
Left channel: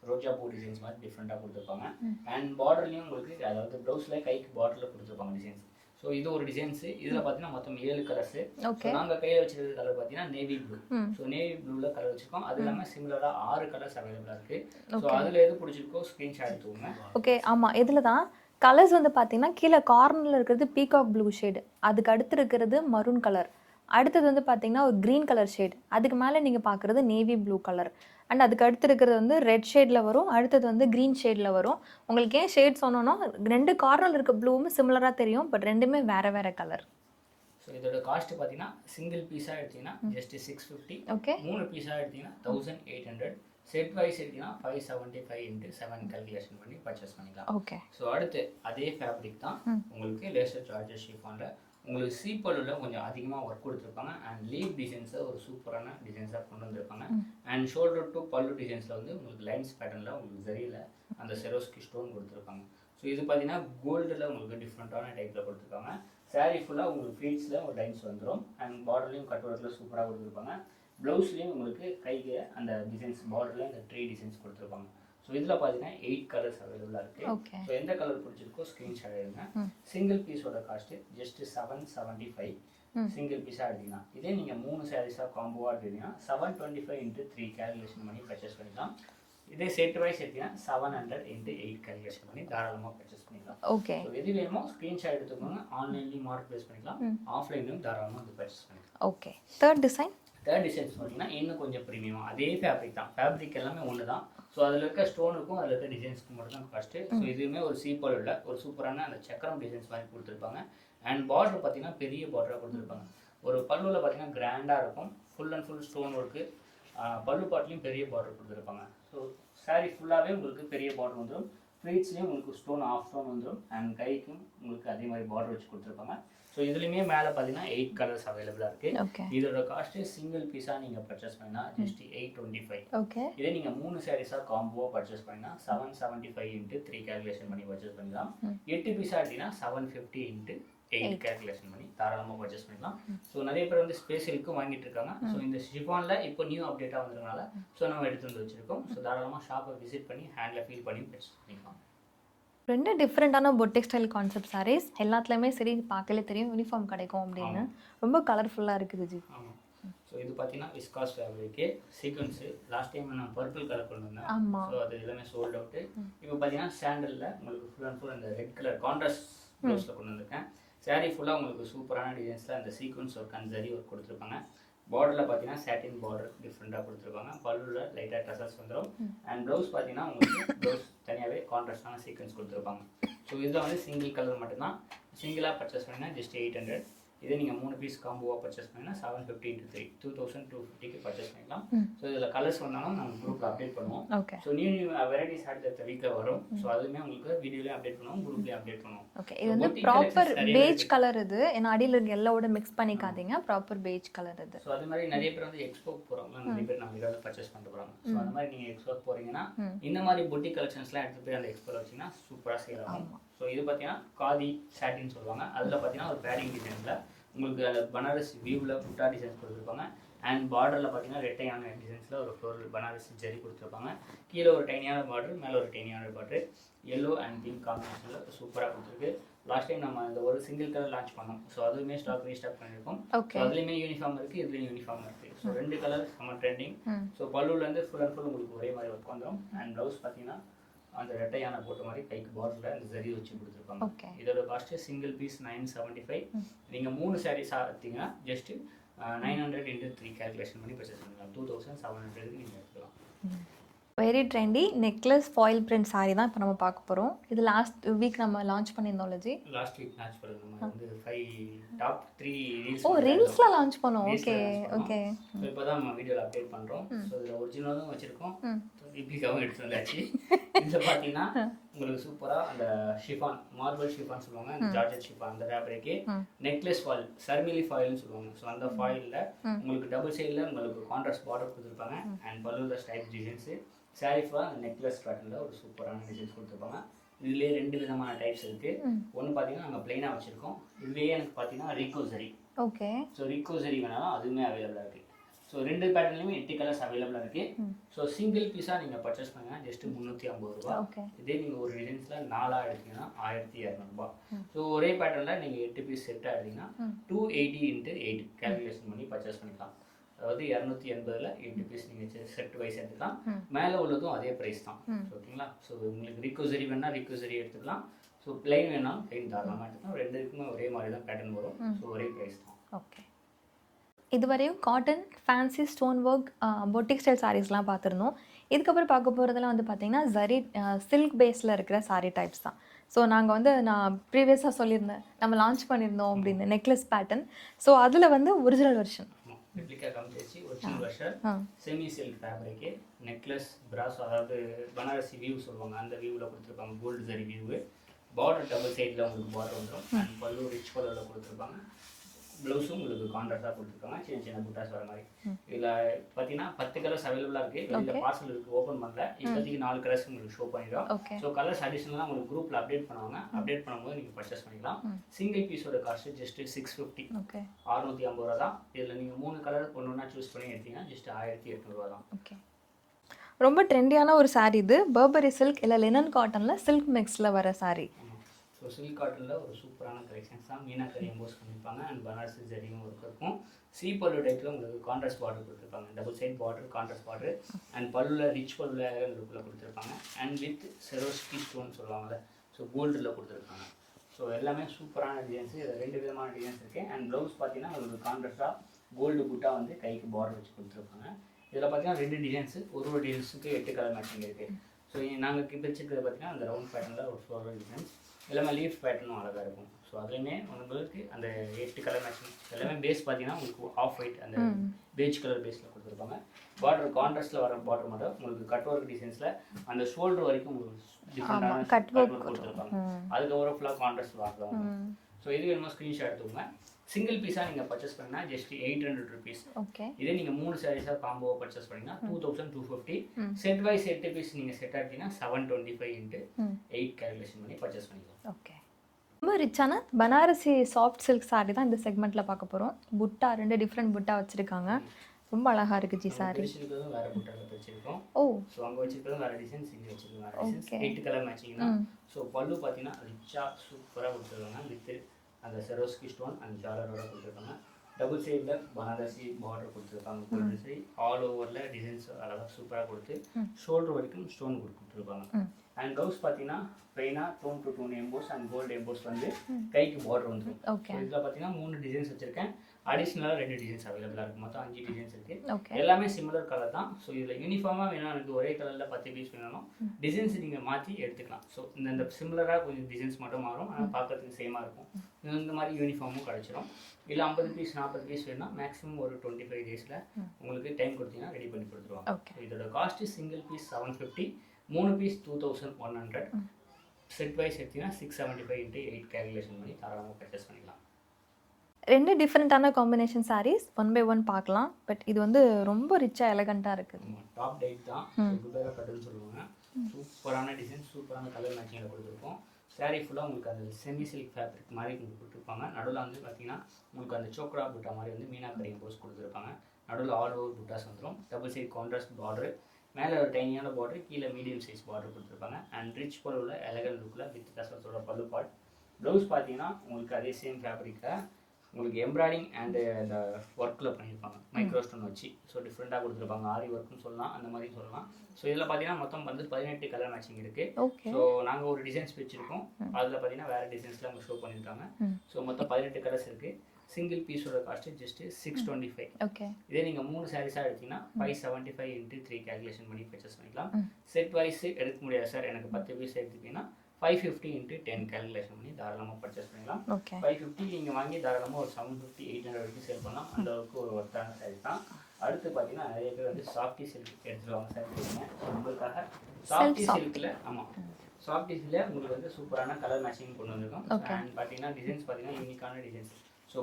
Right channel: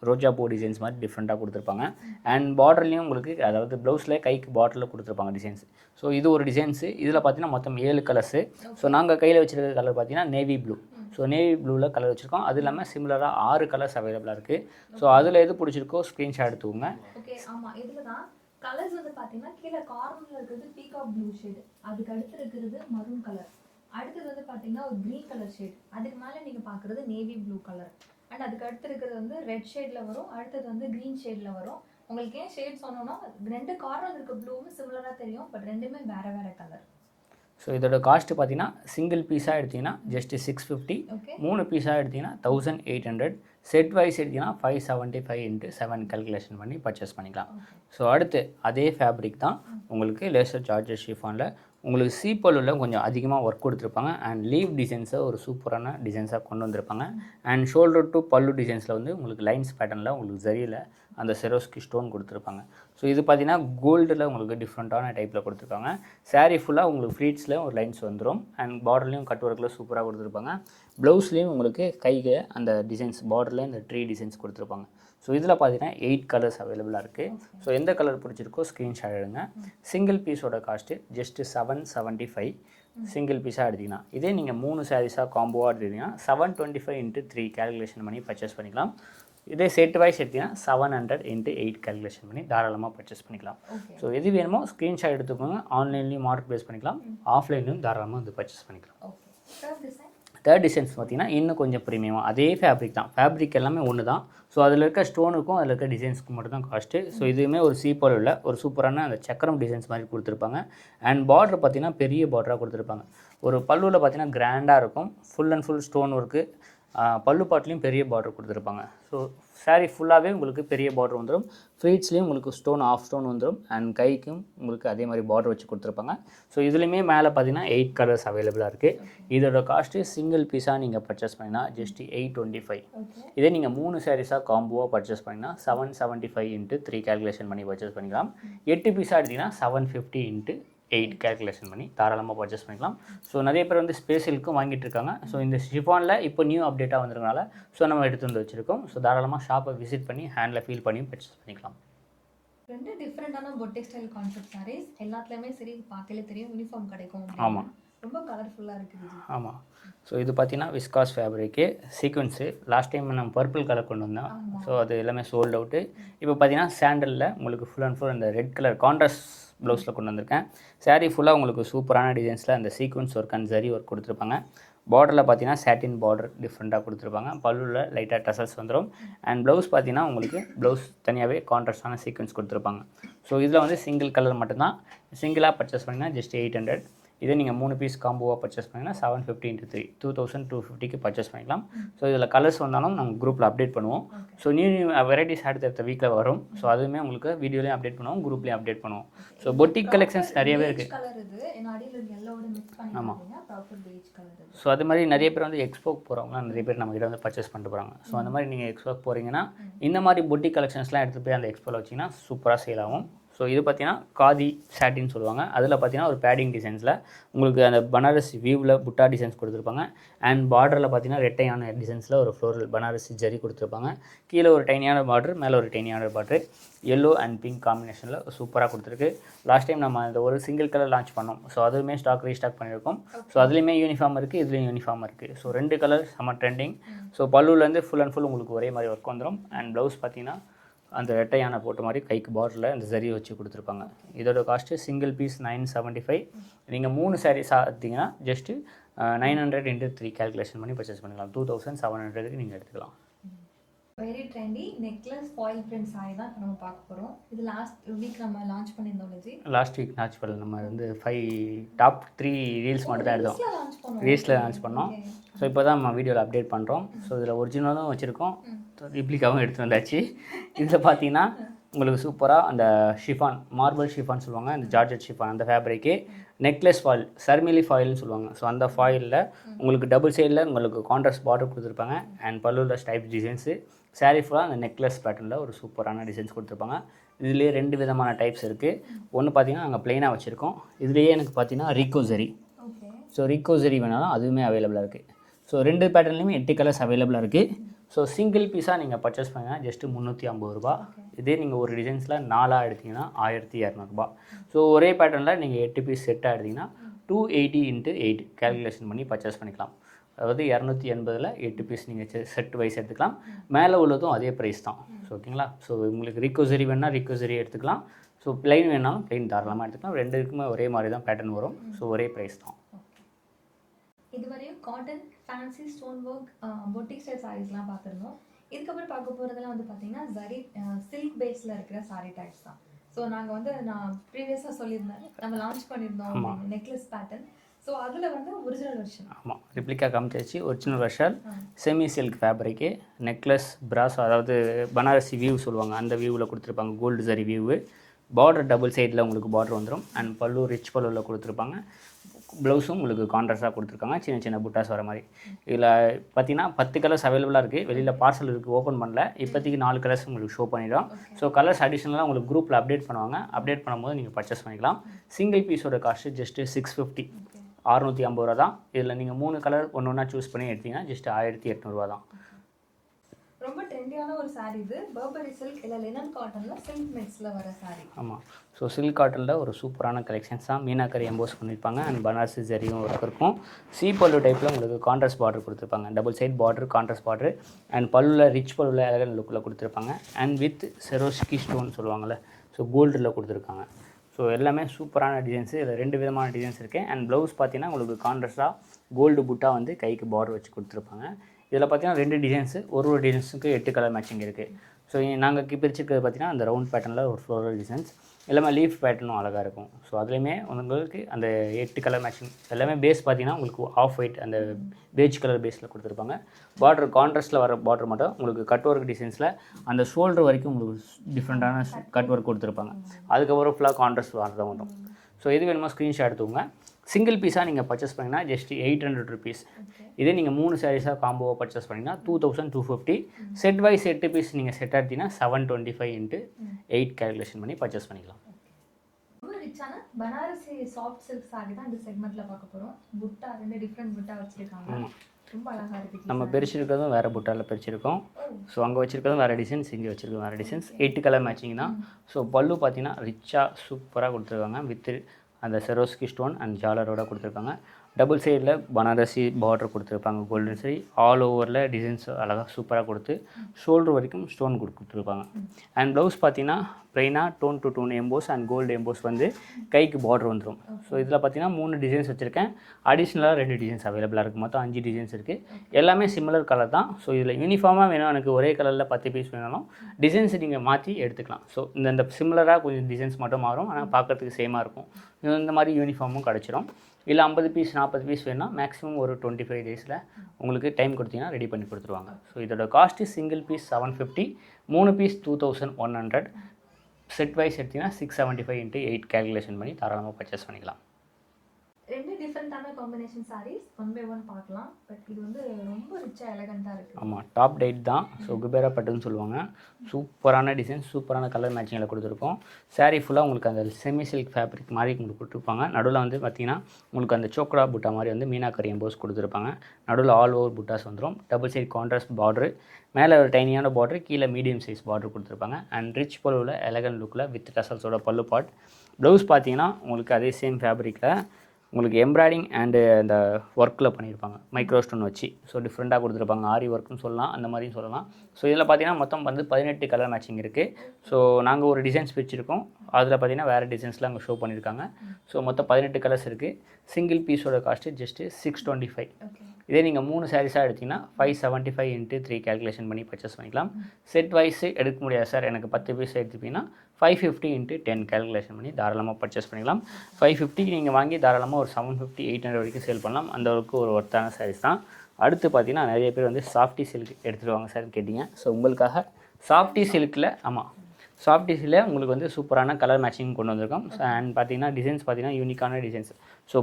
ரோஜா பூ டிசைன்ஸ் மாதிரி டிஃப்ரெண்ட்டாக கொடுத்துருப்பாங்க. அண்ட் பார்டர்லேயும் உங்களுக்கு அதாவது ப்ளவுஸில் கைக்கு பார்டரில் கொடுத்துருப்பாங்க டிசைன்ஸ். ஸோ இது ஒரு டிசைன்ஸு. இதில் பார்த்தீங்கன்னா மொத்தம் 7 கலர்ஸு. ஸோ நாங்கள் கையில் வச்சுருக்க கலர் பார்த்தீங்கன்னா நேவி ப்ளூ. ஸோ நேவி ப்ளூவில் கலர் வச்சுருக்கோம். அது இல்லாமல் சிமிலராக 6 கலர்ஸ் அவைலபிளாக இருக்குது. ஸோ அதில் எது பிடிச்சிருக்கோ ஸ்க்ரீன்ஷாட் எடுத்துக்கோங்க. ஓகே. ஆமாம், இதில் தான் கலர்ஸ் வந்து பார்த்தீங்கன்னா கீழே கார்னரில் இருக்கிறது பீகாக் ப்ளூ ஷேடு, அதுக்கு அடுத்து இருக்கிறது மரூன் கலர், அடுத்தது வந்து பார்த்தீங்கன்னா ஒரு க்ரீன் கலர் ஷேட், அதுக்கு மேலே நீங்கள் பார்க்குறது நேவி ப்ளூ கலர், அண்ட் அதுக்கு அடுத்து இருக்கிறது வந்து ரெட் ஷேடில் வரும், அடுத்தது வந்து க்ரீன் ஷேடில் வரும். உங்களுக்கு ஏன் ஷேட் சொன்னோன்னா 2 கார்னரில் இருக்க ப்ளூவும் சிமிலராக தெரியும், பட் ரெண்டுமே வேறு கலர். ஸோ இதோட காஸ்ட்டு பார்த்தீங்கன்னா சிங்கிள் பீஸாக எடுத்திங்கன்னா ஜஸ்ட் 650. ஓகே. 3 பீஸாக எடுத்திங்கன்னா 1800. செட் வைஸ் எடுத்திங்கன்னா 575 × 7 கேல்குலேஷன் பண்ணி பர்ச்சேஸ் பண்ணிக்கலாம். ஓகே. ஸோ அடுத்து அதே ஃபேப்ரிக் தான் உங்களுக்கு லேசர் சார்ஜர் ஷிஃபானில் உங்களுக்கு சீப்பல்லில் கொஞ்சம் அதிகமாக ஒர்க் கொடுத்துருப்பாங்க. அண்ட் லீவ் டிசைன்ஸை ஒரு சூப்பரான டிசைன்ஸாக கொண்டு வந்திருப்பாங்க. அண்ட் ஷோல்டர் டு பல்லு டிசைன்ஸில் வந்து உங்களுக்கு லைன்ஸ் பேட்டர்னில் உங்களுக்கு ஜரியில் அந்த செரோஸ்கி ஸ்டோன் கொடுத்துருப்பாங்க. ஸோ இது பார்த்தீங்கன்னா கோல்டில் உங்களுக்கு டிஃப்ரெண்ட்டான டைப்பில் கொடுத்துருக்காங்க. சாரீ ஃபுல்லாக உங்களுக்கு ஃப்ளீட்ஸில் ஒரு லைன்ஸ் வந்துடும். அண்ட் பார்டர்லேயும் கட் ஒர்க்கில் சூப்பராக கொடுத்துருப்பாங்க. ப்ளவுஸ்லேயும் உங்களுக்கு கைக்கு அந்த டிசைன்ஸ் பார்டரில் இந்த ட்ரீ டிசைன்ஸ் கொடுத்துருப்பாங்க. ஸோ இதில் பார்த்தீங்கன்னா 8 கலர்ஸ் அவைலபிளாக இருக்குது. ஸோ எந்த கலர் பிடிச்சிருக்கோ ஸ்க்ரீன்ஷாட் எடுங்க. சிங்கிள் பீஸோட காஸ்ட்டு ஜஸ்ட்டு 775. சிங்கிள் பீஸாக எடுத்திங்கன்னா இதே நீங்கள் 3 சாரீஸாக காம்போவாக எடுத்திங்கன்னா 725 × 3 கேல்குலேஷன் பண்ணி பர்ச்சேஸ் பண்ணிக்கலாம். இதே செட் வைஸ் எடுத்திங்கன்னா 700 × 8 கேல்குலேஷன் பண்ணி தாராளமாக பர்ச்சேஸ் பண்ணிக்கலாம். ஓகே. ஸோ எது வேணுமோ ஸ்க்ரீன்ஷாட் எடுத்துக்கோங்க. ஆன்லைன்லேயும் ஆர்டர் ப்ளேஸ் பண்ணிக்கலாம், ஆஃப்லைன்லையும் தாராளமாக வந்து பர்ச்சேஸ் பண்ணிக்கலாம். ஓகே. தேர்ட் டிசைன்ஸ் பார்த்தீங்கன்னா இன்னும் கொஞ்சம் ப்ரீமியமாக அதே ஃபேப்ரிக் தான். ஃபேப்ரிக் எல்லாமே ஒன்று தான். ஸோ அதில் இருக்க ஸ்டோனுக்கும் அதில் இருக்க டிசைன்ஸ்க்கும் மட்டும் தான் காஸ்ட்டு. ஸோ இதுவுமே ஒரு சீப்பலில் ஒரு சூப்பரான அந்த சக்கரம் டிசைன்ஸ் மாதிரி கொடுத்துருப்பாங்க. அண்ட் பார்டர் பார்த்தீங்கன்னா பெரிய பார்டராக கொடுத்துருப்பாங்க. ஒரு பல்லுவில் பார்த்தீங்கன்னா கிராண்டாக இருக்கும். Full and full stone work. பல்லு பாட்லேயும் பெரிய பார்டர் கொடுத்துருப்பாங்க. ஸோ சாரீ ஃபுல்லாகவே உங்களுக்கு பெரிய பார்டர் வந்துடும். ஃப்ளீட்ஸ்லேயும் உங்களுக்கு ஸ்டோன் ஆஃப் ஸ்டோன் வந்துடும். அண்ட் கைக்கும் உங்களுக்கு அதே மாதிரி பார்டர் வச்சு கொடுத்துருப்பாங்க. ஸோ இதுலேயுமே மேலே பார்த்தீங்கன்னா 8 கலர்ஸ் அவைலபிளாக இருக்குது. இதோட காஸ்ட்டு சிங்கிள் பீஸாக நீங்கள் பர்ச்சேஸ் பண்ணினா ஜஸ்ட் 825. ஓகே. இதே நீங்கள் 3 சாரீஸாக காம்போவாக பர்ச்சேஸ் பண்ணினா 775 × 3 கேல்குலேஷன் பண்ணி பர்ச்சேஸ் பண்ணிக்கலாம். 8 பீஸாக எடுத்திங்கன்னா 750 × 8 கேல்குலேஷன் பண்ணி தாராளமாக பர்ச்சேஸ் பண்ணிக்கலாம். ஸோ நிறைய பேர் வந்து ஸ்பேஷியலுக்கும் வாங்கிட்டு இருக்காங்க. ஸோ இந்த ஷிஃபானில் இப்போ நியூ அப்டேட்டாக வந்துருக்கனால ஸோ நம்ம எடுத்து வந்து வச்சுருக்கோம். ஸோ தாராளமாக ஷாப்பை விசிட் பண்ணி ஹேண்டில் ஃபீல் பண்ணி பர்ச்சேஸ் பண்ணிக்கலாம். 2 டிஃப்ரெண்ட்டான பொட்டிக் ஸ்டைல் கான்செப்ட் சாரீஸ் எல்லாத்துலேயுமே சரி பார்க்கலே தெரியும் யூனிஃபார்ம் கிடைக்கும் அப்படின்னு. ரொம்ப கலர்ஃபுல்லாக இருக்குது ஜி. ஆமாம். ஸோ இது பார்த்தீங்கன்னா viscose fabric sequence last time நம்ம பர்பிள் கலர் கொண்டு வந்தோம். ஸோ அது எல்லாமே சோல்ட் அவுட்டு. இப்போ பார்த்தீங்கன்னா சாண்டலில் உங்களுக்கு ஃபுல் அண்ட் ஃபுல் இந்த ரெட் கலர் கான்ட்ராஸ்ட் ப்ளவுஸில் கொண்டு வந்திருக்கேன். சாரீ ஃபுல்லாக உங்களுக்கு சூப்பரான டிசைன்ஸில் அந்த sequence work and zari work கொடுத்துருப்பாங்க. பார்டரில் பார்த்தீங்கன்னா சாட்டின் பார்டர் டிஃப்ரெண்ட்டாக கொடுத்துருப்பாங்க. பல்லுவில் லைட்டாக டசல்ஸ் வந்துடும். அண்ட் ப்ளவுஸ் பார்த்தீங்கன்னா உங்களுக்கு ப்ளவுஸ் தனியாகவே கான்ட்ராஸ்டான சீக்வன்ஸ் கொடுத்துருப்பாங்க. ஸோ இதில் வந்து சிங்கிள் கலர் மட்டும்தான். சிங்கிளாக பர்ச்சேஸ் பண்ணிங்கன்னா ஜஸ்ட் 800. இதே நீங்கள் 3 பீஸ் காம்போவாக பர்ச்சேஸ் பண்ணிங்கன்னா 750 × 3 2250க்கு பர்ச்சேஸ் பண்ணிக்கலாம். ஸோ இதில் கலர்ஸ் வந்தாலும் நாங்கள் குரூப்பில் அப்டேட் பண்ணுவோம். ஸோ நியூ வெரைட்டிஸ் அடுத்த வீக்கில் வரும். ஸோ அதுவுமே உங்களுக்கு வீடியோலையும் அப்டேட் பண்ணுவோம், குரூப்லேயும் அப்டேட் பண்ணுவோம். ஸோ பொட்டிக் கலெக்ஷன்ஸ் நிறைய பேஜ் கலர் இது ஏன்னா அடியில் இருக்க எல்லோட மிக்ஸ் பண்ணிக்காதீங்க, ப்ராப்பர் பேஜ் கலர் இது. ஸோ அது மாதிரி நிறைய பேர் வந்து எக்ஸ்போக்கு போகிறவங்க நிறைய பேர் நம்ம கிட்ட வந்து பர்ச்சேஸ் பண்ணிட்டு போகிறாங்க. ஸோ அந்த மாதிரி நீங்கள் எக்ஸ்போக்கு போகிறீங்கன்னா இந்த மாதிரி பொட்டிக் கலெக்ஷன்ஸ்லாம் எடுத்து போய் அந்த எக்ஸ்போவில் வச்சிங்கன்னா சூப்பராக சேல் ஆகும். ஸோ இது பார்த்தீங்கன்னா காதி சாட்டின்னு சொல்லுவாங்க. அதில் பார்த்தீங்கன்னா ஒரு பேடிங் டிசைன்ஸில் உங்களுக்கு அந்த பனாரசி வியூவில் புட்டா டிசைன்ஸ் கொடுத்துருப்பாங்க. அண்ட் பார்டரில் பார்த்தீங்கன்னா ரெட்டையான டிசைன்ஸில் ஒரு ஃப்ளோரல் பனாரசி ஜரி கொடுத்துருப்பாங்க. கீழே ஒரு டைனியான பார்டர், மேலே ஒரு டைனியான பார்டர், எல்லோ அண்ட் பிங்க் காம்பினேஷனில் சூப்பராக கொடுத்துருக்கு. லாஸ்ட் டைம் நம்ம அந்த ஒரு சிங்கிள் கலர் லான்ச் பண்ணோம். ஸோ அதுவுமே ஸ்டாக் ரீஸ்டாக் பண்ணியிருக்கோம். ஸோ அதுலேயுமே யூனிஃபார்ம் இருக்குது, இதுலேயும் யூனிஃபார்ம் இருக்குது. ஸோ 2 கலர் செம்ம ட்ரெண்டிங். ஸோ பல்லுலேருந்து ஃபுல் அண்ட் ஃபுல் உங்களுக்கு ஒரே மாதிரி ஒர்க் வந்துடும். அண்ட் ப்ளவுஸ் பார்த்தீங்கன்னா அந்த ரெட்டையான போட்ட மாதிரி கைக்கு பார்டரில் அந்த ஜரியை வச்சு கொடுத்துருப்பாங்க. இதோட காஸ்ட்டு சிங்கிள் பீஸ் 975. நீங்கள் 3 சாரீஸ் எடுத்தீங்கன்னா ஜஸ்ட்டு 900 × 3 கேல்குலேஷன் பண்ணி பர்ச்சேஸ் பண்ணிக்கலாம். 2700க்கு நீங்கள் எடுத்துக்கலாம். Very trendy necklace foil print sorry தான் இப்போ நம்ம பார்க்க போகிறோம். இது லாஸ்ட் வீக் நம்ம லான்ச் பண்ணியிருந்தோம் லஜி. லாஸ்ட் வீக் லான்ச் பண்ணல. நம்ம வந்து 5 டாப் 3 ரீல்ஸ் ரீல்ஸில் லான்ச் பண்ணோம். ரீல்ஸில் லான்ச் பண்ணோம். ஸோ இப்போ தான் நம்ம வீடியோவில் அப்டேட் பண்ணுறோம். ஸோ இதில் ஒரிஜினலும் வச்சுருக்கோம், ரிப்ளிகாவும் எடுத்து வந்தாச்சு. இதில் பார்த்தீங்கன்னா உங்களுக்கு சூப்பராக அந்த ஷிஃபான், மார்பிள் ஷிஃபான் சொல்லுவாங்க, இந்த ஜார்ஜெட் ஷிஃபான் அந்த ஃபேப்ரிக்கு நெக்லஸ் ஃபாயில், சர்மிலி ஃபாயில்னு சொல்லுவாங்க. ஸோ அந்த ஃபாயிலில் உங்களுக்கு டபுள் சைடில் உங்களுக்கு கான்ட்ராஸ்ட் பார்டர் கொடுத்துருப்பாங்க. அண்ட் பல்லுவில் ஸ்டைப் டிசைன்ஸு. சாரீ ஃபுல்லாக அந்த நெக்லஸ் பேட்டர்னில் ஒரு சூப்பரான டிசைன்ஸ் கொடுத்துருப்பாங்க. இதுலேயே 2 விதமான டைப்ஸ் இருக்குது. ஒன்று பார்த்தீங்கன்னா நாங்கள் ப்ளைனாக வச்சுருக்கோம். இதுலேயே எனக்கு பார்த்தீங்கன்னா Rico zari. Okay. So Rico zari வேணாலும் அதுவுமே அவைலபிளாக இருக்குது. ஸோ 2 பேட்டர்ன்லையுமே 8 கலர்ஸ் அவைலபிளாக இருக்குது. ஸோ சிங்கிள் பீஸாக நீங்கள் பர்ச்சேஸ் பண்ணிங்கன்னா ஜஸ்ட்டு 350 ரூபா. இதே நீங்கள் ஒரு டிசைன்ஸில் 4 எடுத்திங்கன்னா 1200 ரூபா. ஸோ ஒரே பேட்டர்னில் நீங்கள் 8 பீஸ் செட்டாக எடுத்திங்கன்னா 280 × 8 கேல்குலேஷன் பண்ணி பர்ச்சேஸ் பண்ணிக்கலாம். அதாவது 280ல் 8 பீஸ் நீங்கள் செட் வைஸ் எடுத்துக்கலாம். மேலே உள்ளதும் அதே ப்ரைஸ் தான். ஸோ ஓகேங்களா. ஸோ உங்களுக்கு ரீகோசரி வேணால் ரீகோசரி எடுத்துக்கலாம். ஸோ ப்ளைன் வேணாலும் ப்ளைன் தாராளமாக எடுத்துக்கலாம். 2க்குமே ஒரே மாதிரி தான் பேட்டர்ன் வரும். ஸோ ஒரே ப்ரைஸ் தான். ஓகே. இதுவரையும் cotton, fancy, stone work, boutique style சாரீஸ்லாம் பார்த்துருந்தோம். இதுக்கப்புறம் பார்க்க போகிறதுலாம் வந்து பார்த்திங்கன்னா ஜரி சில்க் பேஸில் இருக்கிற சாரீ டைப்ஸ் தான். ஸோ நாங்கள் வந்து நான் ப்ரீவியஸாக சொல்லியிருந்தேன் நம்ம லான்ச் பண்ணியிருந்தோம் அப்படின்னு நெக்லஸ் பேட்டர்ன். ஸோ அதில் வந்து ஒரிஜினல் வெர்ஷன். ஆமாம், ரிப்ளிகா காமிச்சாச்சு. Original version semi silk fabric necklace பிராஸ், அதாவது பனாரசி வியூ சொல்லுவாங்க, அந்த வியூவில் கொடுத்துருப்பாங்க. Gold zari weave. Border double சைடில் உங்களுக்கு பார்டர் வந்துடும். அண்ட் பல்லு ரிச் பல்லுவில் கொடுத்துருப்பாங்க. ப்ளவுஸும் உங்களுக்கு கான்ட்ராஸ்டாக கொடுத்துருக்காங்க, சின்ன சின்ன புட்டாஸ் வர மாதிரி. இதில் பார்த்தீங்கன்னா 10 கலர்ஸ் அவைலபிளாக இருக்குது. வெளியில் பார்சல் இருக்குது, ஓப்பன் பண்ணல. இப்போதைக்கு 4 கலர்ஸ் உங்களுக்கு ஷோ பண்ணிடும். ஸோ கலர்ஸ் அடிஷனலாக உங்களுக்கு குரூப்பில் அப்டேட் பண்ணுவாங்க. அப்டேட் பண்ணும்போது நீங்கள் பர்ச்சேஸ் பண்ணிக்கலாம். சிங்கிள் பீஸோட காஸ்ட்டு ஜஸ்ட்டு 650, 650 ரூபா தான். இதில் நீங்கள் 3 கலர் ஒன்று ஒன்றா சூஸ் பண்ணி எடுத்தீங்கன்னா ஜஸ்ட் 1800 ரூபா தான். ரொம்ப ட்ரெண்டியான ஒரு சாரீ இது. பர்பரி சில்க் இல்லை லினன் காட்டனில் சில்க் மிக்ஸில் வர சாரீ. ஆமாம். ஸோ சில்க் காட்டனில் ஒரு சூப்பரான கலெக்ஷன்ஸ் தான். மீனாக்கரி எம்போஸ் பண்ணியிருப்பாங்க. அண்ட் பனாரசி ஜரியும் ஒர்க் இருக்கும். பல்லு டைப்பில் உங்களுக்கு கான்ட்ராஸ்ட் பார்டர் கொடுத்துருப்பாங்க. Double side border, contrast border. And பல்லுவில் ரிச் பல்லுவில் அழகான லுக்கில் கொடுத்துருப்பாங்க. அண்ட் வித் செரோஸ்கி ஸ்டோன் சொல்லுவாங்கள்ல, ஸோ கோல்டில் கொடுத்துருக்காங்க. ஸோ எல்லாமே சூப்பரான டிசைன்ஸு. இதில் 2 விதமான டிசைன்ஸ் இருக்குது. அண்ட் ப்ளவுஸ் பார்த்தீங்கன்னா உங்களுக்கு கான்ட்ராஸ்ட்டாக கோல்டு புட்டா வந்து கைக்கு பார்டர் வச்சு கொடுத்துருப்பாங்க. இதில் பார்த்தீங்கன்னா 2 டிசைன்ஸு, ஒரு டிசைன்ஸுக்கு 8 கலர் மேட்சிங் இருக்குது. ஸோ நாங்கள் பிரிச்சிருக்கிறது பார்த்தீங்கன்னா அந்த ரவுண்ட் பேட்டர்னில் ஒரு ஃப்ளோரல் டிசைன்ஸ், எல்லாமே லீஃப் பேட்டர்னும் அழகாக இருக்கும். ஸோ அதுலேயுமே உங்களுக்கு அந்த 8 கலர் மேட்சிங் எல்லாமே பேஸ் பார்த்தீங்கன்னா உங்களுக்கு ஆஃப் ஒயிட் அந்த பேஜ் கலர் பேஸில் கொடுத்துருப்பாங்க. பார்டர் கான்ட்ராஸ்ட்டில் வர பார்டர் மட்டும் உங்களுக்கு கட் ஒர்க் டிசைன்ஸில் அந்த ஷோல்டர் வரைக்கும் உங்களுக்கு டிஃப்ரெண்ட்டான கட் ஒர்க் கொடுத்துருப்பாங்க. அதுக்கப்புறம் ஃபுல்லாக கான்ட்ராஸ்ட் வரதான் வரும். ஸோ எது வேணுமோ ஸ்க்ரீன்ஷாட் எடுத்துக்கோங்க. சிங்கிள் பீஸாக நீங்கள் பர்ச்சேஸ் பண்ணிங்கன்னா ஜஸ்ட் 800 ருபீஸ். இதே நீங்கள் 3 சாரீஸாக காம்போவாக பர்ச்சேஸ் பண்ணிங்கன்னா 2250. செட் வைஸ் 8 பீஸ் நீங்கள் செட் எடுத்தீங்கன்னா 725 × 8 கேல்குலேஷன் பண்ணி பர்ச்சேஸ் பண்ணிக்கலாம். ஓகே. ரொம்ப ரிச்சான பனாரசி சாஃப்ட் சில்க் சாரி தான் இந்த செக்மெண்ட்டில் பார்க்க போகிறோம். புட்டா 2 டிஃப்ரெண்ட் புட்டா வச்சுருக்காங்க. ரொம்ப அழகாக இருக்குது. நம்ம பிரிச்சிருக்கிறதும் வேறு புட்டாவில் பிரிச்சிருக்கோம். ஸோ அங்கே வச்சிருக்கிறதும் வேறு டிசைன்ஸ், இங்கே வச்சிருக்கோம் வேறு டிசைன்ஸ். 8 கலர் மேட்சிங் தான். ஸோ பல்லு பார்த்தீங்கன்னா ரிச்சாக சூப்பராக கொடுத்துருக்காங்க. வித் அந்த செரோஸ்கி ஸ்டோன் அண்ட் ஜாலரோட கொடுத்துருக்காங்க. டபுள் சைடில் பனாரசி பார்டர் கொடுத்துருப்பாங்க கோல்டன் சரி ஆல் ஓவரில் டிசைன்ஸ் அழகாக சூப்பராக கொடுத்து ஷோல்டர் வரைக்கும் ஸ்டோன் கொடுத்துருப்பாங்க. அண்ட் ப்ளவுஸ் பார்த்தீங்கன்னா ப்ளைனாக tone to tone emboss and gold emboss வந்து கைக்கு பார்டர் வந்துடும். ஸோ இதில் பார்த்தீங்கன்னா 3 டிசைன்ஸ் வச்சுருக்கேன். அடிஷ்னலாக 2 டிசைன்ஸ் அவைலபிளாக இருக்குது. மொத்தம் 5 டிசைன்ஸ் இருக்குது. எல்லாமே சிமிலர் கலர் தான். ஸோ இதில் யூனிஃபார்மாக வேணும் எனக்கு ஒரே கலரில் 10 பீஸ் வேணாலும் டிசைன்ஸ் நீங்கள் மாற்றி எடுத்துக்கலாம். ஸோ இந்த சிமிலராக கொஞ்சம் டிசைன்ஸ் மட்டும் மாறும், ஆனால் பார்க்கறதுக்கு சேமாக இருக்கும். இந்த மாதிரி யூனிஃபார்மும் கிடச்சிரும். இல்லை 50 பீஸ் 40 பீஸ் வேணும்னா மேக்ஸிமம் ஒரு 25 டேஸில் உங்களுக்கு டைம் கொடுத்தீங்கன்னா ரெடி பண்ணி கொடுத்துருவாங்க. ஸோ இதோட cost single piece 750, 3 piece 2100, set wise எடுத்திங்கன்னா 675 × 8 கேல்குலேஷன் பண்ணி தாராளமாக பர்ச்சேஸ் பண்ணிக்கலாம். 2 டிஃப்ரெண்ட்டான காம்பினேஷன் சாரீஸ் 1 by 1 பார்க்கலாம். பட் இது வந்து ரொம்ப ரிச்சாக எலகண்ட்டாக இருக்குது. ஆமாம், டாப் டைட் தான். ஸோ குபேரா பட்டுன்னு சொல்லுவாங்க. சூப்பரான டிசைன், சூப்பரான கலர் மேட்சிங்கில் கொடுத்துருக்கோம். சாரீ ஃபுல்லாக உங்களுக்கு அந்த செமி சில்க் ஃபேப்ரிக் மாதிரி உங்களுக்கு கொடுத்துருப்பாங்க. நடுவில் வந்து பார்த்திங்கன்னா உங்களுக்கு அந்த சோக்ரா புட்டா மாதிரி வந்து மீனாக்கரி எம்போஸ் கொடுத்துருப்பாங்க. நடுவில் ஆல் ஓவர் புட்டாஸ் வந்துடும். டபுள் சைட் கான்ட்ராஸ்ட் பார்டரு, மேலே ஒரு டைனியான பார்டர், கீழே மீடியம் சைஸ் பார்டர் கொடுத்துருப்பாங்க. அண்ட் ரிச் பல்லுவில் எலகன் லுக்கில் வித் டசல்ஸோட பல்லு பார்ட். ப்ளவுஸ் பார்த்தீங்கன்னா உங்களுக்கு அதே சேம் ஃபேப்ரிக்கில் உங்களுக்கு எம்ப்ராய்டிங் அண்டு அந்த ஒர்க்கில் பண்ணியிருப்பாங்க மைக்ரோ ஸ்டோன் வச்சு. ஸோ டிஃப்ரெண்ட்டாக கொடுத்துருப்பாங்க. ஆரி ஒர்க்குன்னு சொல்லலாம், அந்த மாதிரியும் சொல்லலாம். ஸோ இதில் பார்த்தீங்கன்னா மொத்தம் வந்து 18 கலர் மேட்சிங் இருக்குது. ஸோ நாங்கள் ஒரு டிசைன்ஸ் வச்சுருக்கோம், அதில் பார்த்தீங்கன்னா வேறு டிசைன்ஸ்லாம் அங்கே ஷோ பண்ணியிருக்காங்க. ஸோ மொத்தம் 18 கலர்ஸ் இருக்குது. சிங்கிள் பீஸோட காஸ்ட்டு ஜஸ்ட்டு 625. இதே நீங்கள் 3 சாரீஸாக எடுத்திங்கன்னா 575 × 3 கேல்குலேஷன் பண்ணி பர்ச்சேஸ் பண்ணிக்கலாம். செட் வைஸ் எடுக்க முடியாது சார், எனக்கு 10 பீஸ் எடுத்துப்பீங்கன்னா 550 × 10 கேல்குலேஷன் பண்ணி தாராளமாக பர்ச்சேஸ் பண்ணிக்கலாம். 550 நீங்கள் வாங்கி தாராளமாக ஒரு 750 800 வரைக்கும் சேல் பண்ணலாம். அந்த அளவுக்கு ஒரு ஒர்த்தான சாரீஸ் தான். அடுத்து பார்த்தீங்கன்னா நிறைய பேர் வந்து சாஃப்டி சில்க் எடுத்துகிட்டு வாங்க சார் கேட்டிங்க. ஸோ உங்களுக்காக சாஃப்டி சில்கில் சாஃப்டி சில்கில் உங்களுக்கு வந்து சூப்பரான கலர் மேட்சிங் கொண்டு வந்திருக்கோம். அண்ட் பார்த்தீங்கன்னா டிசைன்ஸ் பார்த்தீங்கன்னா யூனிக்கான டிசைன்ஸ். ஸோ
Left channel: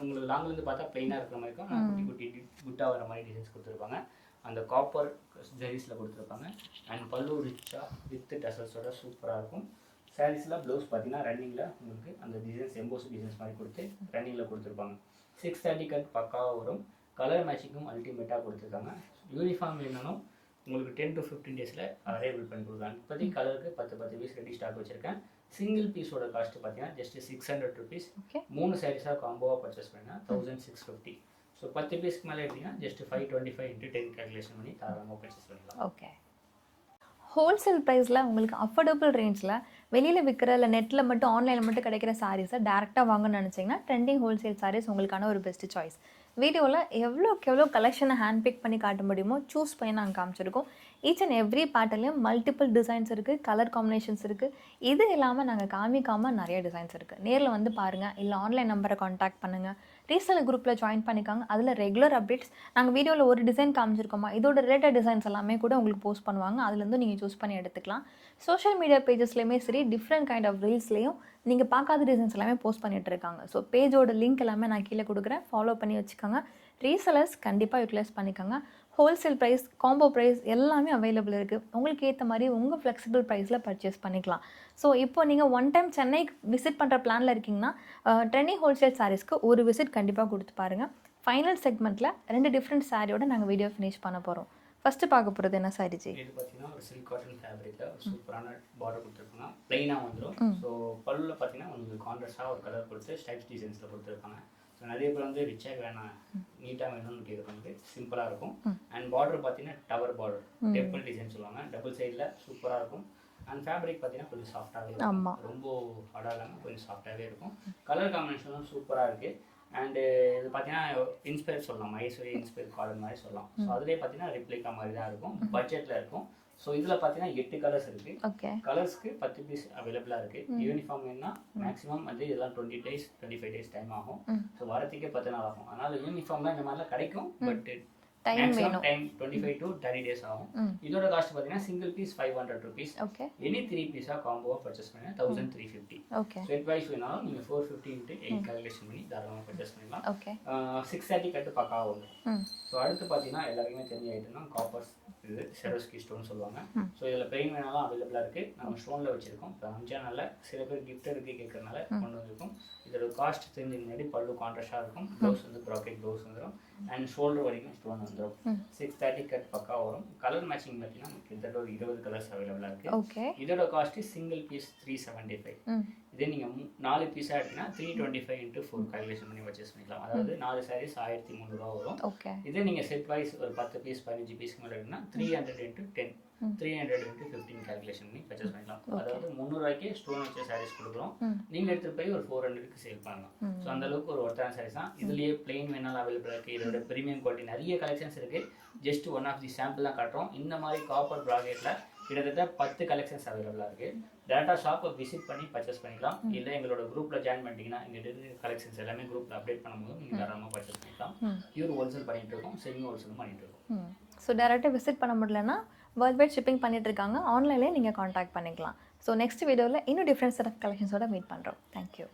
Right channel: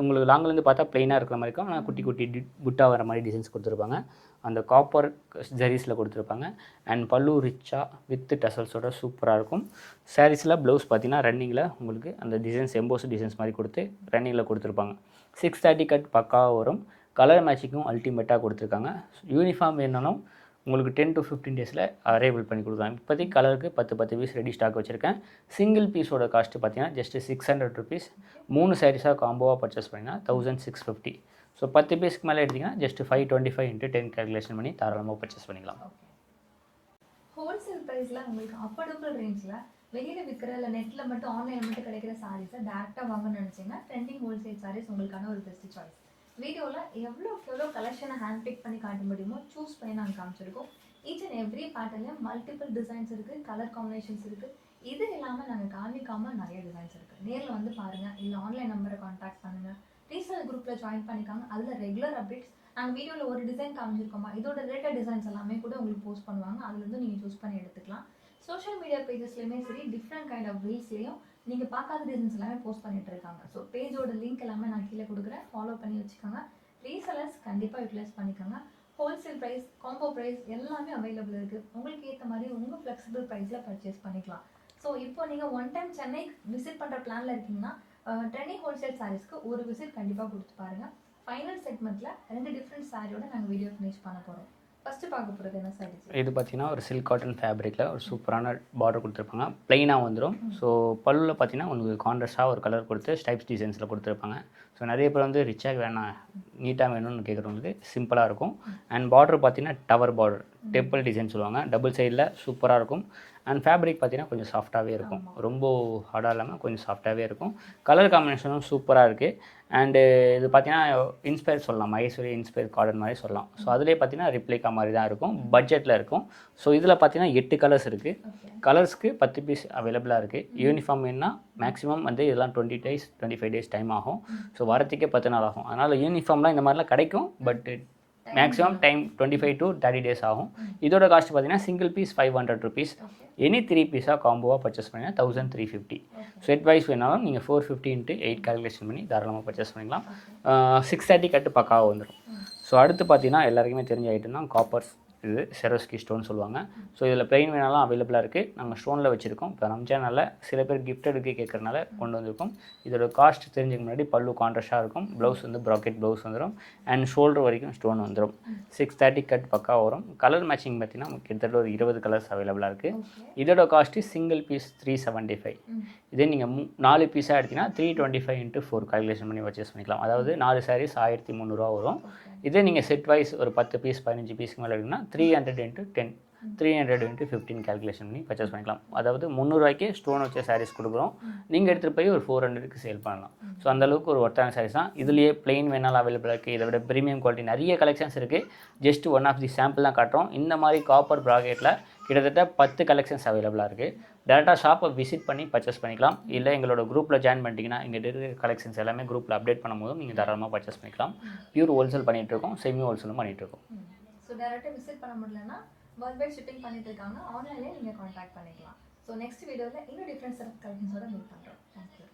உங்களுக்கு லாங்கிலேருந்து பார்த்தா ப்ளைனாக இருக்கிற மாதிரி இருக்கும், ஆனால் குட்டி குட்டி புட்டா வர மாதிரி டிசைன்ஸ் கொடுத்துருப்பாங்க. அந்த காப்பர் ஜரீஸில் கொடுத்துருப்பாங்க. அண்ட் பல்லு ரிச்சாக வித் டசல்ஸோட சூப்பராக இருக்கும். சாரீஸில் ப்ளவுஸ் பார்த்தீங்கன்னா ரன்னிங்கில் உங்களுக்கு அந்த டிசைன்ஸ் எம்போஸ் டிசைன்ஸ் மாதிரி கொடுத்து ரன்னிங்கில் கொடுத்துருப்பாங்க. 630 கட் பக்காவாக வரும். கலர் மேட்சிங்கும் அல்டிமேட்டாக கொடுத்துருக்காங்க. யூனிஃபார்ம் வேணும்னாலும் உங்களுக்கு 10 to 15 டேஸில் அரைவல் பண்ணி கொடுக்கலாம். இப்போதைக்கு கலருக்கு 10 பீஸ் ரெடி ஸ்டாக் வச்சுருக்கேன். சிங்கிள் பீஸோட காஸ்ட்டு பார்த்தீங்கன்னா ஜஸ்ட் 600 ருபீஸ். 3 சாரீஸாக காம்போவாக பர்ச்சேஸ் பண்ணிங்கன்னா 1650. ஸோ 10 பீஸ்க்கு மேலே எடுத்திங்கன்னா ஜஸ்ட் 525 × 10 கேல்குலேஷன் பண்ணி தாராளமாக பர்ச்சேஸ் பண்ணிக்கலாம். ஓகே, ஹோல்சேல் ப்ரைஸில் உங்களுக்கு அஃபோர்டபுள் ரேஞ்சில் வெளியில் விற்கிற இல்லை நெட்டில் மட்டும் ஆன்லைனில் மட்டும் கிடைக்கிற சாரீஸை டேரெக்டாக வாங்கணும்னு நினச்சிங்கன்னா ட்ரெண்டிங் ஹோல்சேல் சாரீஸ் உங்களுக்கான ஒரு பெஸ்ட் சாய்ஸ். வீடியோவில் எவ்வளோ கலெக்ஷனை ஹேண்ட் பிக் பண்ணி காட்ட முடியுமோ சூஸ் பண்ணி நாங்கள் காமிச்சிருக்கோம். ஈச் அண்ட் எவ்ரி பேட்டர்லையும் மல்டிபிள் டிசைன்ஸ் இருக்குது, கலர் காம்பினேஷன்ஸ் இருக்குது. இது இல்லாமல் நாங்கள் காமிக்காமல் நிறைய டிசைன்ஸ் இருக்குது. நேரில் வந்து பாருங்கள், இல்லை ஆன்லைன் நம்பரை காண்டாக்ட் பண்ணுங்கள். ரீசேல் குரூப்பில் ஜாயின் பண்ணிக்காங்க. அதில் ரெகுலர் அப்டேட்ஸ் நாங்கள் வீடியோவில் ஒரு டிசைன் காமிச்சிருக்கோமா, இதோட ரிலேட்டட் டிசைன்ஸ் எல்லாமே கூட உங்களுக்கு போஸ்ட் பண்ணுவாங்க. அதுலேருந்து நீங்கள் சூஸ் பண்ணி எடுத்துக்கலாம். சோஷியல் மீடியா பேஜஸ்லேயுமே சரி, டிஃப்ரெண்ட் கைண்ட் ஆஃப் ரீல்ஸ்லேயும் நீங்கள் பார்க்காத டிசைன்ஸ் எல்லாமே போஸ்ட் பண்ணிகிட்டு இருக்காங்க. ஸோ பேஜோட லிங்க் எல்லாமே நான் கீழே கொடுக்குறேன், ஃபாலோ பண்ணி வச்சுக்கோங்க. ரீசெலர்ஸ் கண்டிப்பாக யூட்டிலைஸ் பண்ணிக்கோங்க. ஹோல்சேல் ப்ரைஸ், காம்போ ப்ரைஸ் எல்லாமே அவைலபிள் இருக்குது. உங்களுக்கு ஏற்ற மாதிரி உங்கள் ஃப்ளெக்சிபிள் ப்ரைஸில் பர்ச்சேஸ் பண்ணிக்கலாம். ஸோ இப்போ நீங்கள் ஒன் டைம் சென்னை விசிட் பண்ணுற பிளானில் இருக்கீங்கன்னா ட்ரெண்டிங் ஹோல்சேல் சாரீஸ்க்கு ஒரு விசிட் கண்டிப்பாக கொடுத்து பாருங்கள். ஃபைனல் செக்மெண்ட்டில் 2 டிஃப்ரெண்ட் சாரியோட நாங்கள் வீடியோ ஃபினிஷ் பண்ண போகிறோம். ஃபஸ்ட்டு பார்க்க போகிறது என்ன சாரி? இது பார்த்தீங்கன்னா ஒரு சில்க் காட்டன் ஃபேப்ரிக்கில் ஒரு சூப்பரான பார்டர் கொடுத்துருப்பாங்க. ப்ளைனாக வந்துடும். ஸோ பல்லுவில் பார்த்தீங்கன்னா உங்களுக்கு கான்ட்ராஸ்டாக ஒரு கலர் கொடுத்து ஸ்டைப்ஸ் டிசைன்ஸில் கொடுத்துருப்பாங்க. ஸோ நிறைய பேர் வந்து ரிச்சாக வேணாம், நீட்டாக வேணும்னு கேட்குறவங்களுக்கு சிம்பிளாக இருக்கும். அண்ட் பார்டர் பார்த்தீங்கன்னா டவர் பார்டர், டெம்பிள் டிசைன் சொல்லுவாங்க. டபுள் சைடில் சூப்பராக இருக்கும். அண்ட் ஃபேப்ரிக் பார்த்தீங்கன்னா கொஞ்சம் சாஃப்டாகவே இருக்கும். ரொம்ப ஹார்டாக இல்லாமல் கொஞ்சம் சாஃப்டாகவே இருக்கும். கலர் காம்பினேஷனும் சூப்பராக இருக்குது. அண்டு இது பார்த்தீங்கன்னா இன்ஸ்பயர் சொல்லலாம், மகேஸ்வரி இன்ஸ்பயர் கார்டன் மாதிரி சொல்லலாம். ஸோ அதிலே பார்த்தீங்கன்னா ரிப்ளிகா மாதிரி தான் இருக்கும், பட்ஜெட்டில் இருக்கும். ஸோ இதில் பார்த்தீங்கன்னா 8 கலர்ஸ் இருக்குது. கலர்ஸ்க்கு 10 பீஸ் அவைலபிளாக இருக்குது. யூனிஃபார்ம் வேணுன்னா மேக்ஸிமம் வந்து இதெல்லாம் 20 days 25 days டைம் ஆகும். ஸோ வரத்துக்கே 10 நாள் ஆகும். அதனால் யூனிஃபார்ம்லாம் இந்த மாதிரிலாம் கிடைக்கும், but maximum time 25 to 30 days ஆகும். இதோட காஸ்ட் பார்த்தீங்கன்னா சிங்கிள் பீஸ் 500 ருபீஸ். எனி 3 பீஸாக காம்போவாக பர்ச்சேஸ் பண்ணிங்கன்னா 1350. செட் வைஸ் வேணாலும் நீங்கள் 450 × 8 கால்குலேஷன் பண்ணி தாராளமாக பர்ச்சேஸ் பண்ணிக்கலாம். 630 கட்டு பக்காவாக வந்துடும். ஸோ அடுத்து பார்த்தீங்கன்னா எல்லாருக்குமே தெரிஞ்ச ஐட்டம் தான் காப்பர்ஸ். இது செரோஸ்கி ஸ்டோன் சொல்லுவாங்க. ஸோ இதில் பிளெயின் வேணாலும் அவைலபிளாக இருக்குது. நாங்கள் ஸ்டோனில் வச்சுருக்கோம். இப்போ ரம்ஜானால சில பேர் கிஃப்டடுக்கு கேட்குறதுனால கொண்டு வந்திருக்கோம். இதோட காஸ்ட் தெரிஞ்சுக்க முன்னாடி பல்லு கான்ட்ராஸ்டாக இருக்கும். ப்ளவுஸ் வந்து ப்ராக்கெட் ப்ளவுஸ் வந்துடும். அண்ட் ஷோல்டர் வரைக்கும் ஸ்டோன் வந்துடும். 630 கட் பக்கா வரும். கலர் மேட்சிங் பார்த்தீங்கன்னா கிட்டத்தட்ட ஒரு 20 கலர்ஸ் அவைலபிளாக இருக்குது. இதோட காஸ்ட்டு சிங்கிள் பீஸ் 375. இதே நீங்கள் 4 பீஸாக எடுத்தீங்கன்னா 325 × 4 கால்குலேஷன் பண்ணி பர்ச்சேஸ் பண்ணிக்கலாம். அதாவது 4 சாரீஸ் 1300 வரும். ஓகே. இதே நீங்கள் செட் வைஸ் ஒரு 10 பீஸ் 15 பீஸ்க்கு மேலே எடுங்கன்னா 300 × 10 300 × 15 கால்குலேஷன் பண்ணி பர்ச்சேஸ் பண்ணிக்கலாம். அதாவது 300 ஸ்டோன் வச்ச சாரீஸ் கொடுக்குறோம். நீங்கள் எடுத்துகிட்டு போய் ஒரு 400 சேல் பண்ணலாம். ஸோ அந்தளவுக்கு ஒரு ஒர்த்தான சாரீஸ் தான். இதுலேயே பிளெயின் வேணாலும் அவைலபிளாக இருக்குது. இதை விட ப்ரீமியம் குவாலிட்டி நிறைய கலெக்ஷன்ஸ் இருக்குது. Just one of the sample தான் காட்டுறோம். இந்த மாதிரி காப்பர் ப்ராக்கெட்டில் கிட்டத்தட்ட 10 கலெக்ஷன்ஸ் அவைலபிளாக இருக்குது. டேரெக்டாக ஷாப்பை விசிட் பண்ணி பர்ச்சேஸ் பண்ணிக்கலாம். இல்லை எங்களோட குரூப்பில் ஜாயின் பண்ணிட்டீங்கன்னா எங்கள் இருக்கிற கலெக்ஷன்ஸ் எல்லாமே குரூப்பில் அப்டேட் பண்ணும்போது நீங்கள் தாராளமாக பர்ச்சேஸ் பண்ணிக்கலாம். பியூர் ஹோல்சேல் பண்ணிகிட்ருக்கோம், செமி ஹோல்சேலும் பண்ணிகிட்ருக்கோம். ஸோ டேரெக்டாக விசிட் பண்ண முடியலன்னா வேர்ல்ட் வைட் ஷிப்பிங் பண்ணிட்டு இருக்காங்க. ஆன்லைன்லேயே நீங்கள் காண்டாக்ட் பண்ணிக்கலாம். ஸோ நெக்ஸ்ட் வீடியோவில் இன்னும் டிஃப்ரெண்ட் செட் ஆஃப் கலெக்ஷன்ஸோட மீட் பண்ணுறோம். தேங்க்யூ.